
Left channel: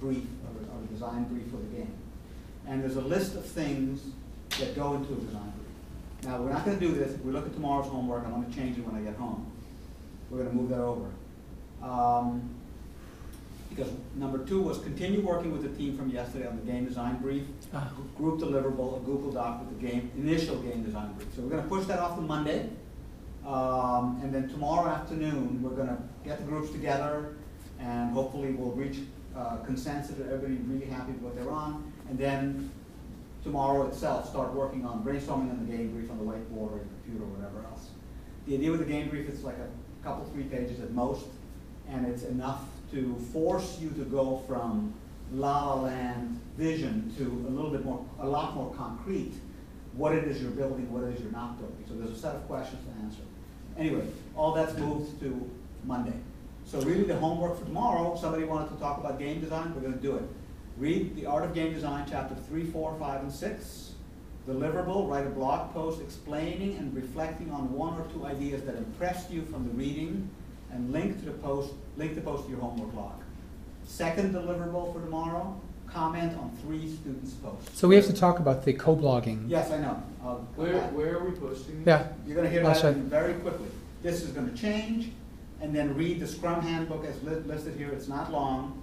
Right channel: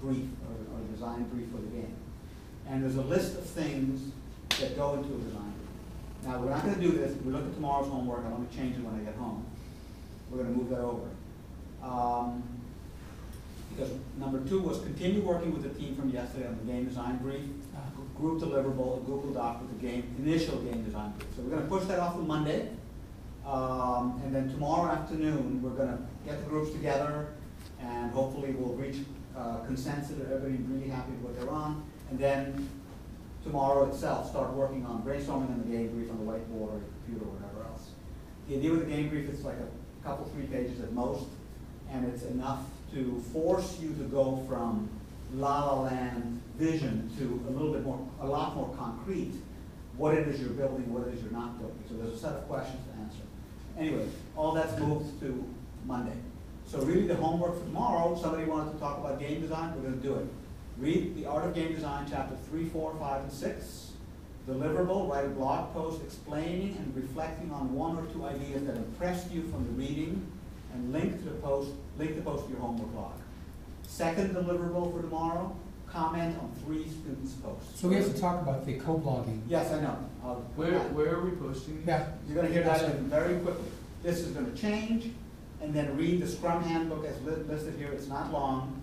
brief or design brief for the game. And there's a list of things that go into a design brief. Now, we're not going to do this. If we look at tomorrow's homework, I'm going to change it when I get home. We're going to move that over. Because number 2 was continue working with the team from yesterday on the game design brief, group deliverable, a Google Doc with the initial game design brief. So we're going to push that off to Monday. And then tomorrow afternoon, we're going to get the groups together, and hopefully we'll reach consensus that everybody's really happy with what they're on. And then tomorrow itself, start working on brainstorming on the game brief on the whiteboard or your computer or whatever else. The idea with the game brief is like a couple, 3 pages at most, and it's enough to force you to go from la-la land vision to a lot more concrete, what it is you're building, what it is you're not building. So there's a set of questions to answer. Anyway, all that's moved to Monday. So really the homework for tomorrow, somebody wanted to talk about game design, we're going to do it. Read The Art of Game Design, chapter 3, 4, 5, and 6. Deliverable, write a blog post explaining and reflecting on 1 or 2 ideas that impressed you from the reading, and link the post to your homework log. Second deliverable for tomorrow, comment on 3 students' posts. So we have to talk about the co-blogging. Yes, I know. Where are we posting these? Yeah. You're going to hear that very quickly. This is going to change, and then read the Scrum Handbook as listed here. It's not long.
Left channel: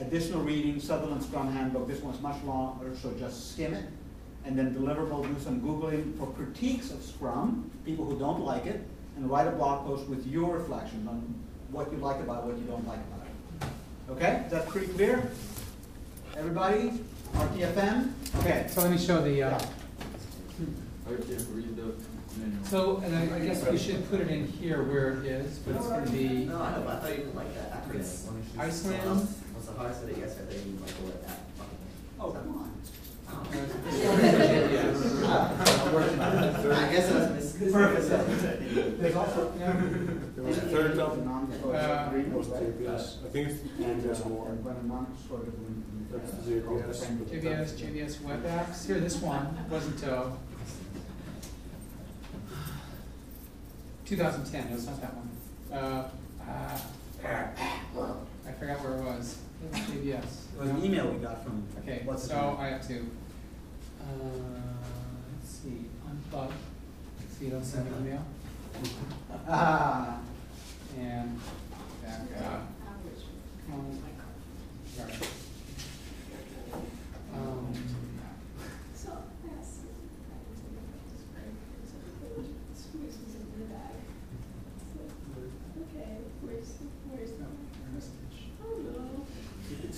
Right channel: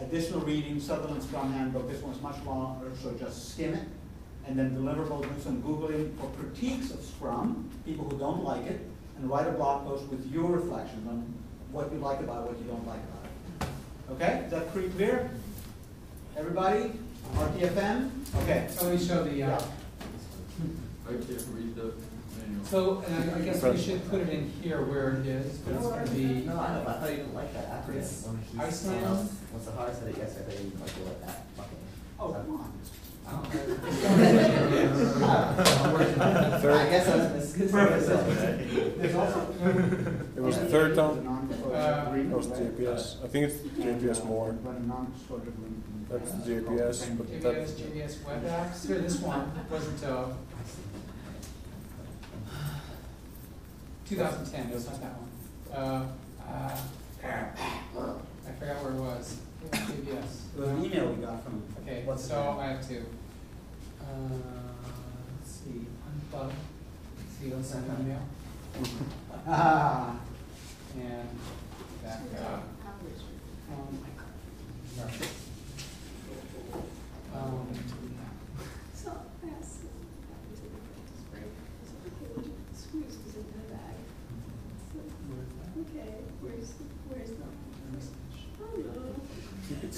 Additional reading, Sutherland Scrum Handbook. This one's much longer, so just skim it. And then deliverable, do some Googling for critiques of Scrum, people who don't like it, and write a blog post with your reflections on what you like about it, what you don't like about it. Okay? Is that pretty clear? Everybody? RTFM? Okay. So let me show the. Right there, read the manual. So, and I guess we should put it in here where it is, but it's going to be No, I know, but I thought you didn't like that acronym. It's Iceland. What's the hardest that yes, I thought you didn't like the word that. Oh, come on. I guess I was Perfect. There's also. It was the third time. It was JBS. I think it's JBS more. That's the JBS. JBS Web Apps. Here, this one wasn't 2010. It was not that one. I forgot where it was. It was JBS. It was an email we got from. Okay, what's his so name? I have to. Let's see, unplug. So you don't send an email. And back up.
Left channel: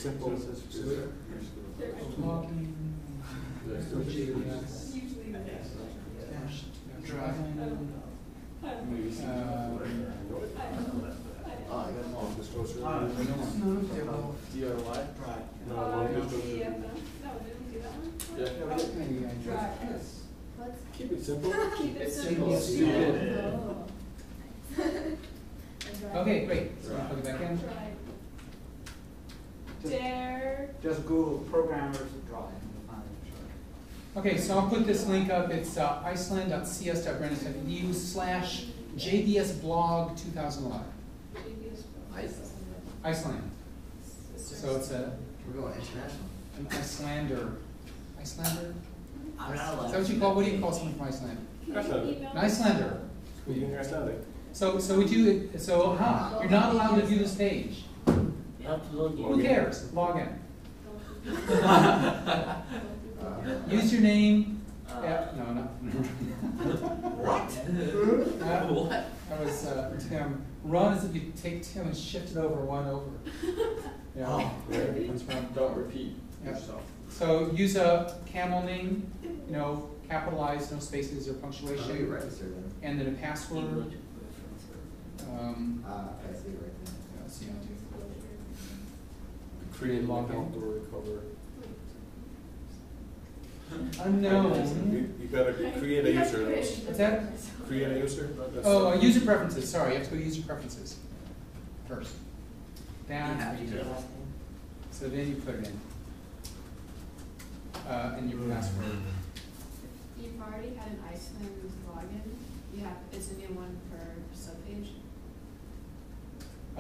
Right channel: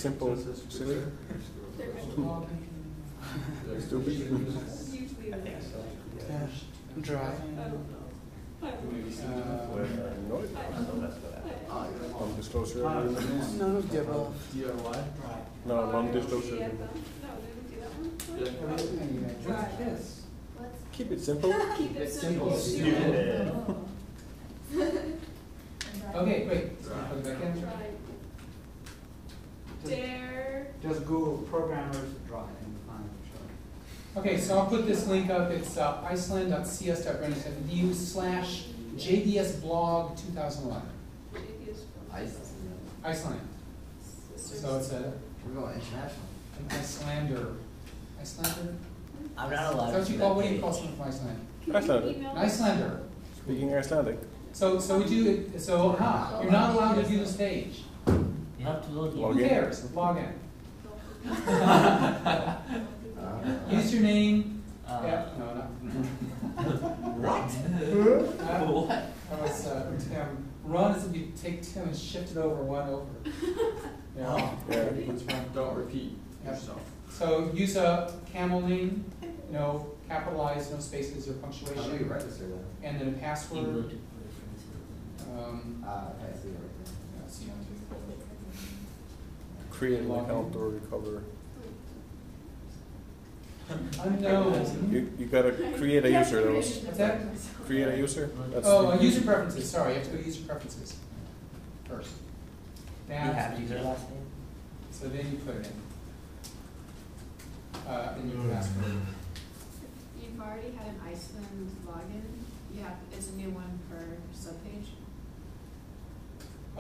Simple. Logging. Usually Drive. Non-disclosure. DIY? No, non-disclosure. No, didn't do that one. Yeah. Keep it simple. Keep it Simple. simple. Okay, great. So plug it back in. Try. Dare. Just Google programmers drive and you'll find it, sure. Okay, so I'll put this link up. It's iceland.cs.brandon.edu/JBS blog 2011. Iceland. So it's We're going international. an Icelander. Icelander? I'm not Is allowed. that what you call? What do you call someone from Iceland? Icelandic. An Icelander. Speaking Icelandic. So would you? So you're not allowed to view this page. You have to log in. Who cares? Log in. Use your name. Yeah, no, not. What? What? That was Tim. Run as if you take Tim and shift it over one over. Yeah. Yeah. That's run. Don't repeat Yep. yourself. So use a camel name, capitalized, no spaces or How do you punctuation, register them? and then a password. Okay, I see it Yeah, see how to Create an Log in. account or recover. unknown. You gotta create a user. What's that? Create a user. That's Oh, user preferences. Sorry, you have to go to user preferences first. right. You have That's to use your last name? so then you put it in. And your password. If you've already had an Iceland login, it's a new one per subpage. It's a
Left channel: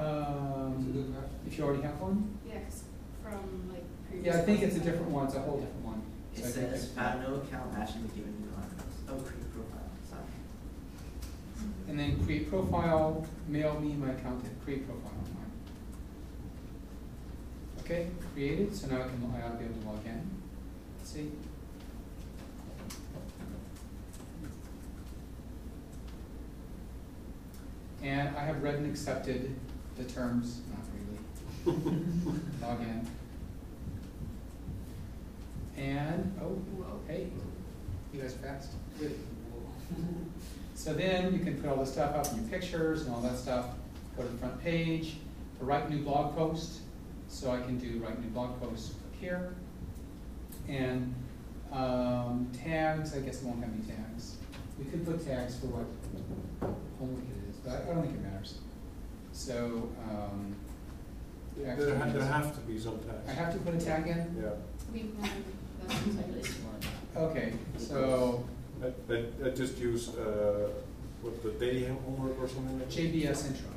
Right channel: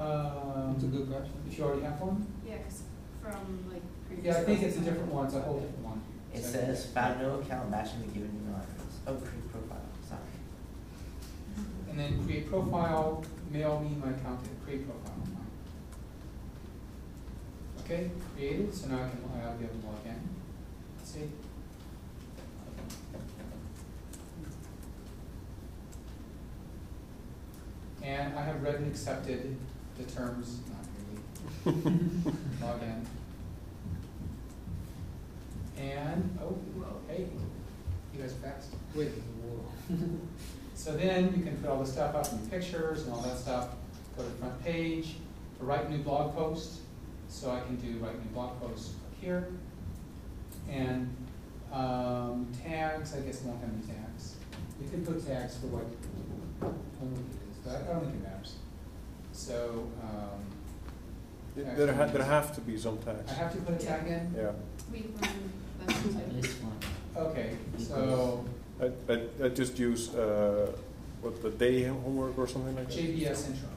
good question. If you already have one? Yeah, 'cause from like previous. Yeah, I think it's a different one. It's a whole different one. It So I think says found no account matching the given email address. Oh, create profile. Sorry. And then create profile, mail me my account, and create profile. Okay, created, so now I ought to be able to log in. Let's see. And I have read and accepted the terms, not really. Log in. And, hey, you guys are fast. So then you can put all the stuff up in your pictures and all that stuff. Go to the front page, to write new blog post. So I can do write new blog post up here. And tags, I guess I won't have any tags. We could put tags for what homework it is, but I don't think it matters. So There have to be some tags. I have to put a tag in? Yeah. We run, that's the type. This one. Okay, so I just use what the day homework or something like that. JBS intro.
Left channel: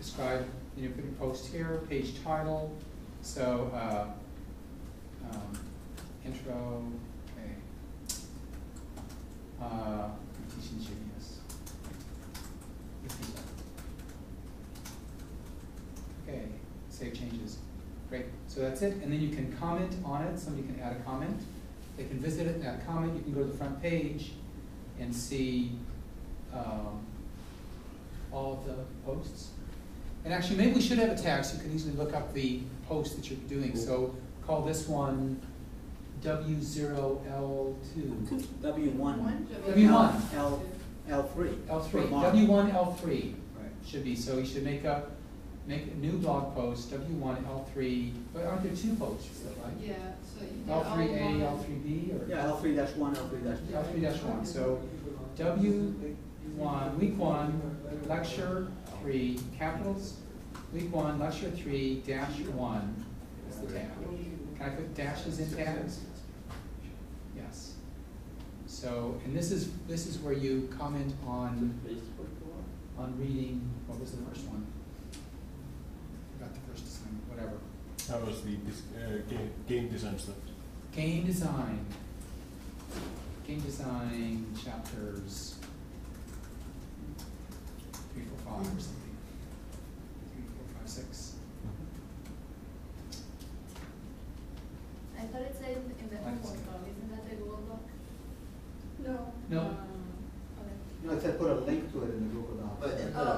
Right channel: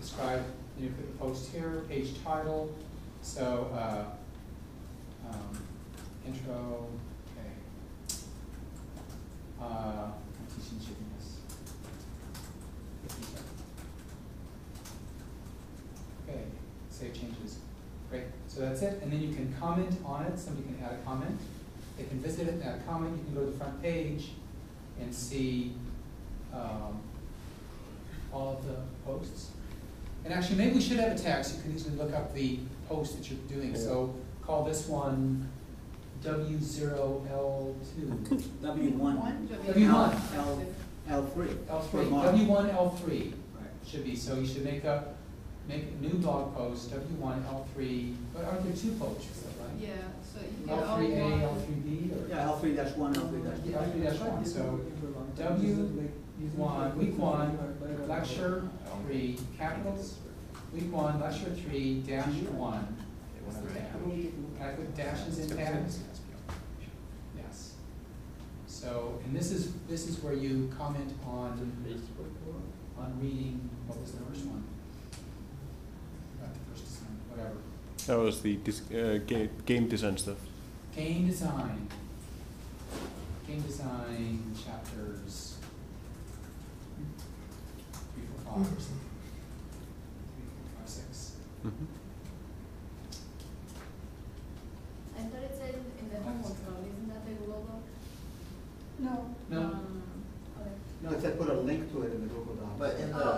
Describe, then you put your post here, page title, so intro, okay. I'm teaching JBS. Okay, save changes. Great, so that's it, and then you can comment on it, somebody can add a comment. They can visit it and add a comment, you can go to the front page and see all of the posts. And actually, maybe we should have a tag so you can easily look up the post that you're doing. Yeah. So call this one W0L2. W1. W1. L3. L3. For Mark. W1 L3 Right. should be. So you should make a new blog post, W1 L3. But aren't there two posts, right? Yeah, so you can L3A, L3B, or Yeah, L3-1, L3-2. L3-1. So W1, week 1, lecture 3, capitals. Week 1, lecture 3, -1 is the tab. Can I put dashes in tabs? Yes. So, and this is where you comment on reading. What was the first one? Forgot the first assignment. Whatever. That was the game design stuff. Game design. Game design chapters 3, 4, 5 or something. 3, 4, 5, 6. I thought it said in the home control, isn't that the Google Doc? No. No. Okay. No, it said put a link to it in the Google Docs. But in the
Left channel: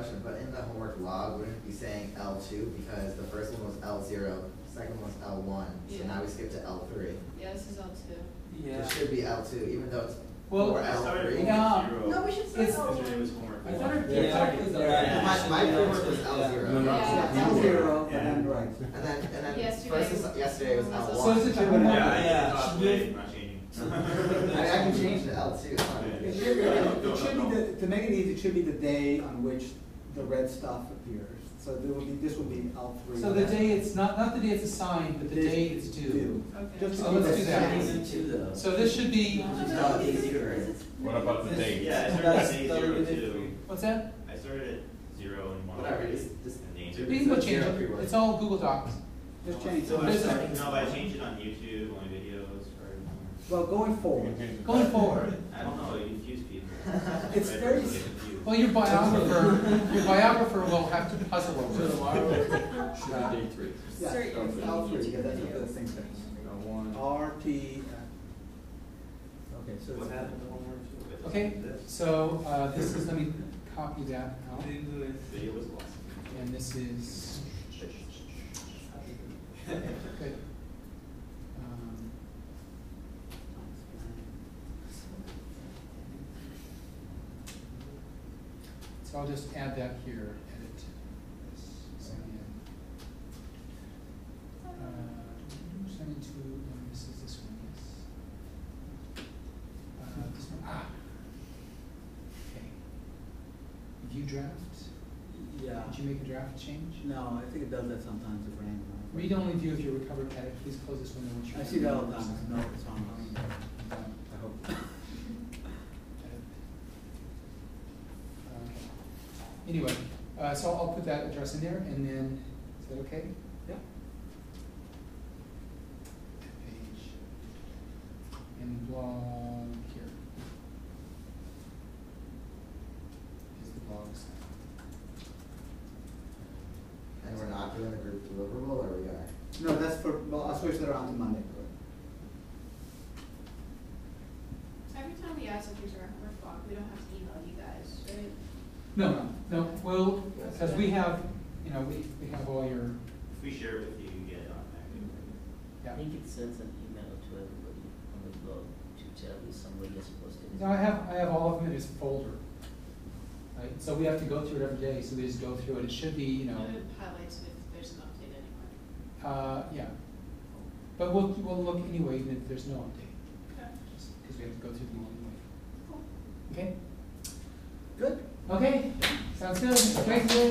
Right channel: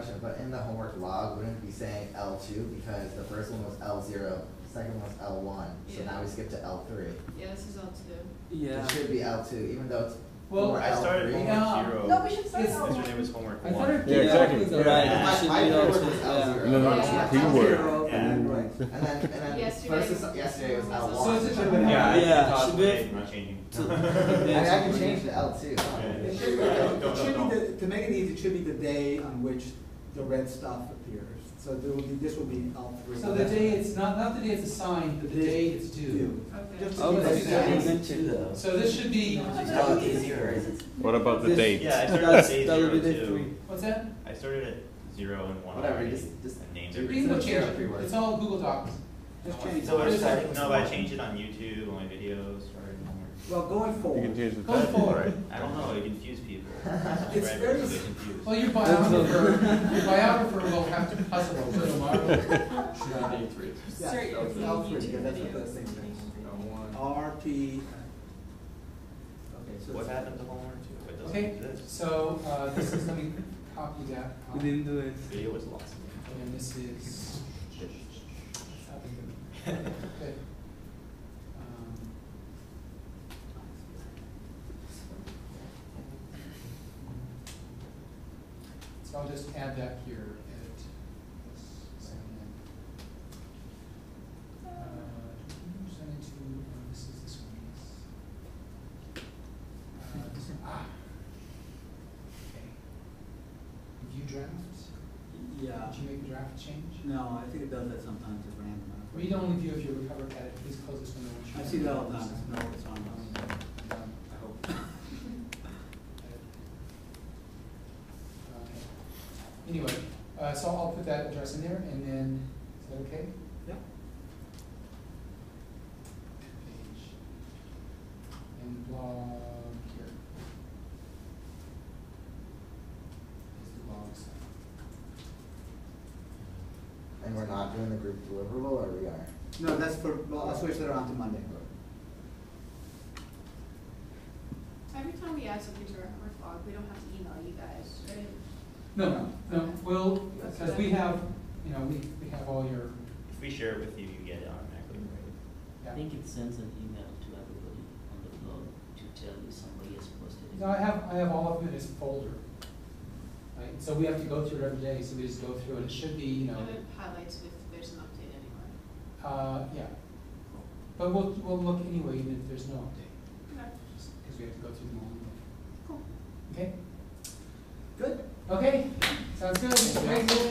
question, but in the homework log, wouldn't it be saying L2 because the first one was L0, second one was L1, so Yeah. now we skip to L3. Yeah, this is L2. Yeah. It should be L2, even though it's Well, for I started L3. homework Yeah. 0. No, we should start It's- L1. Yesterday was homework I 1. thought it, Yeah, exactly the right. Yeah, it my should be framework L2. was L0. Yeah. No, Yeah. that's L the zero, Yeah. and then right. And then Yesterday yesterday was was L1. So is it Should have been Yeah, I Yeah, thought should we- today, I'm not changing. I can change to L2. It should be, to make it easy, it should be the day on which the red stuff appears. So there will be, this will be L3. so the day it's not the day it's assigned, but the day it's due. Okay. Just to Oh, let's keep do it that. simple. So this should be, What about the date? Yeah, I started That's- at day that 0 would be day too. three. what's that? I started at 0 and 1. Whatever, already, just and named do We it. can go It's change every it. word. It's all Google Docs. Just change So it. it's, no, I changed it on YouTube, on my videos, or Well, going You forward, can change the Going time. forward. I don't know, it confused people. It's Right, very- really confused. Well, your biographer will have to puzzle over it. Should be day 3. yeah, L3, because that's what the thing says. L1. RT. Okay, so. What happened to homework 2? Okay, so this is, let me copy that out. Video was lost. And this is. Good. So I'll just add that here, edit this, sign in. Sign into, this is this one, yes. This one, okay. View draft, Yeah. did you make a draft change? No, I think it does that sometimes at random. Read only view if you recover edit, please close this window once you. I see that all the time. No, it's on. I hope. Anyway, so I'll put that address in there, and then, is that okay? Yep. Page. And blog here. Is the blog site. And we're not doing the group deliverable, or we are? No, that's for, well, I'll switch that around to Monday. Every time we add something to our homework log, we don't have to email you guys, right? No, well, because we have, we have all your, If we share it with you, you get it automatically. yeah. I think it sends an email to everybody on the blog to tell you somebody is supposed to. No, I have all of them in this folder. Right, so we have to go through it every day, so we just go through it, it should be, And it highlights if there's an update anywhere. yeah. But we'll look anyway, even if there's no update, Okay. because we have to go through them all anyway. Cool. Okay? Good. Okay, sounds good, thank you.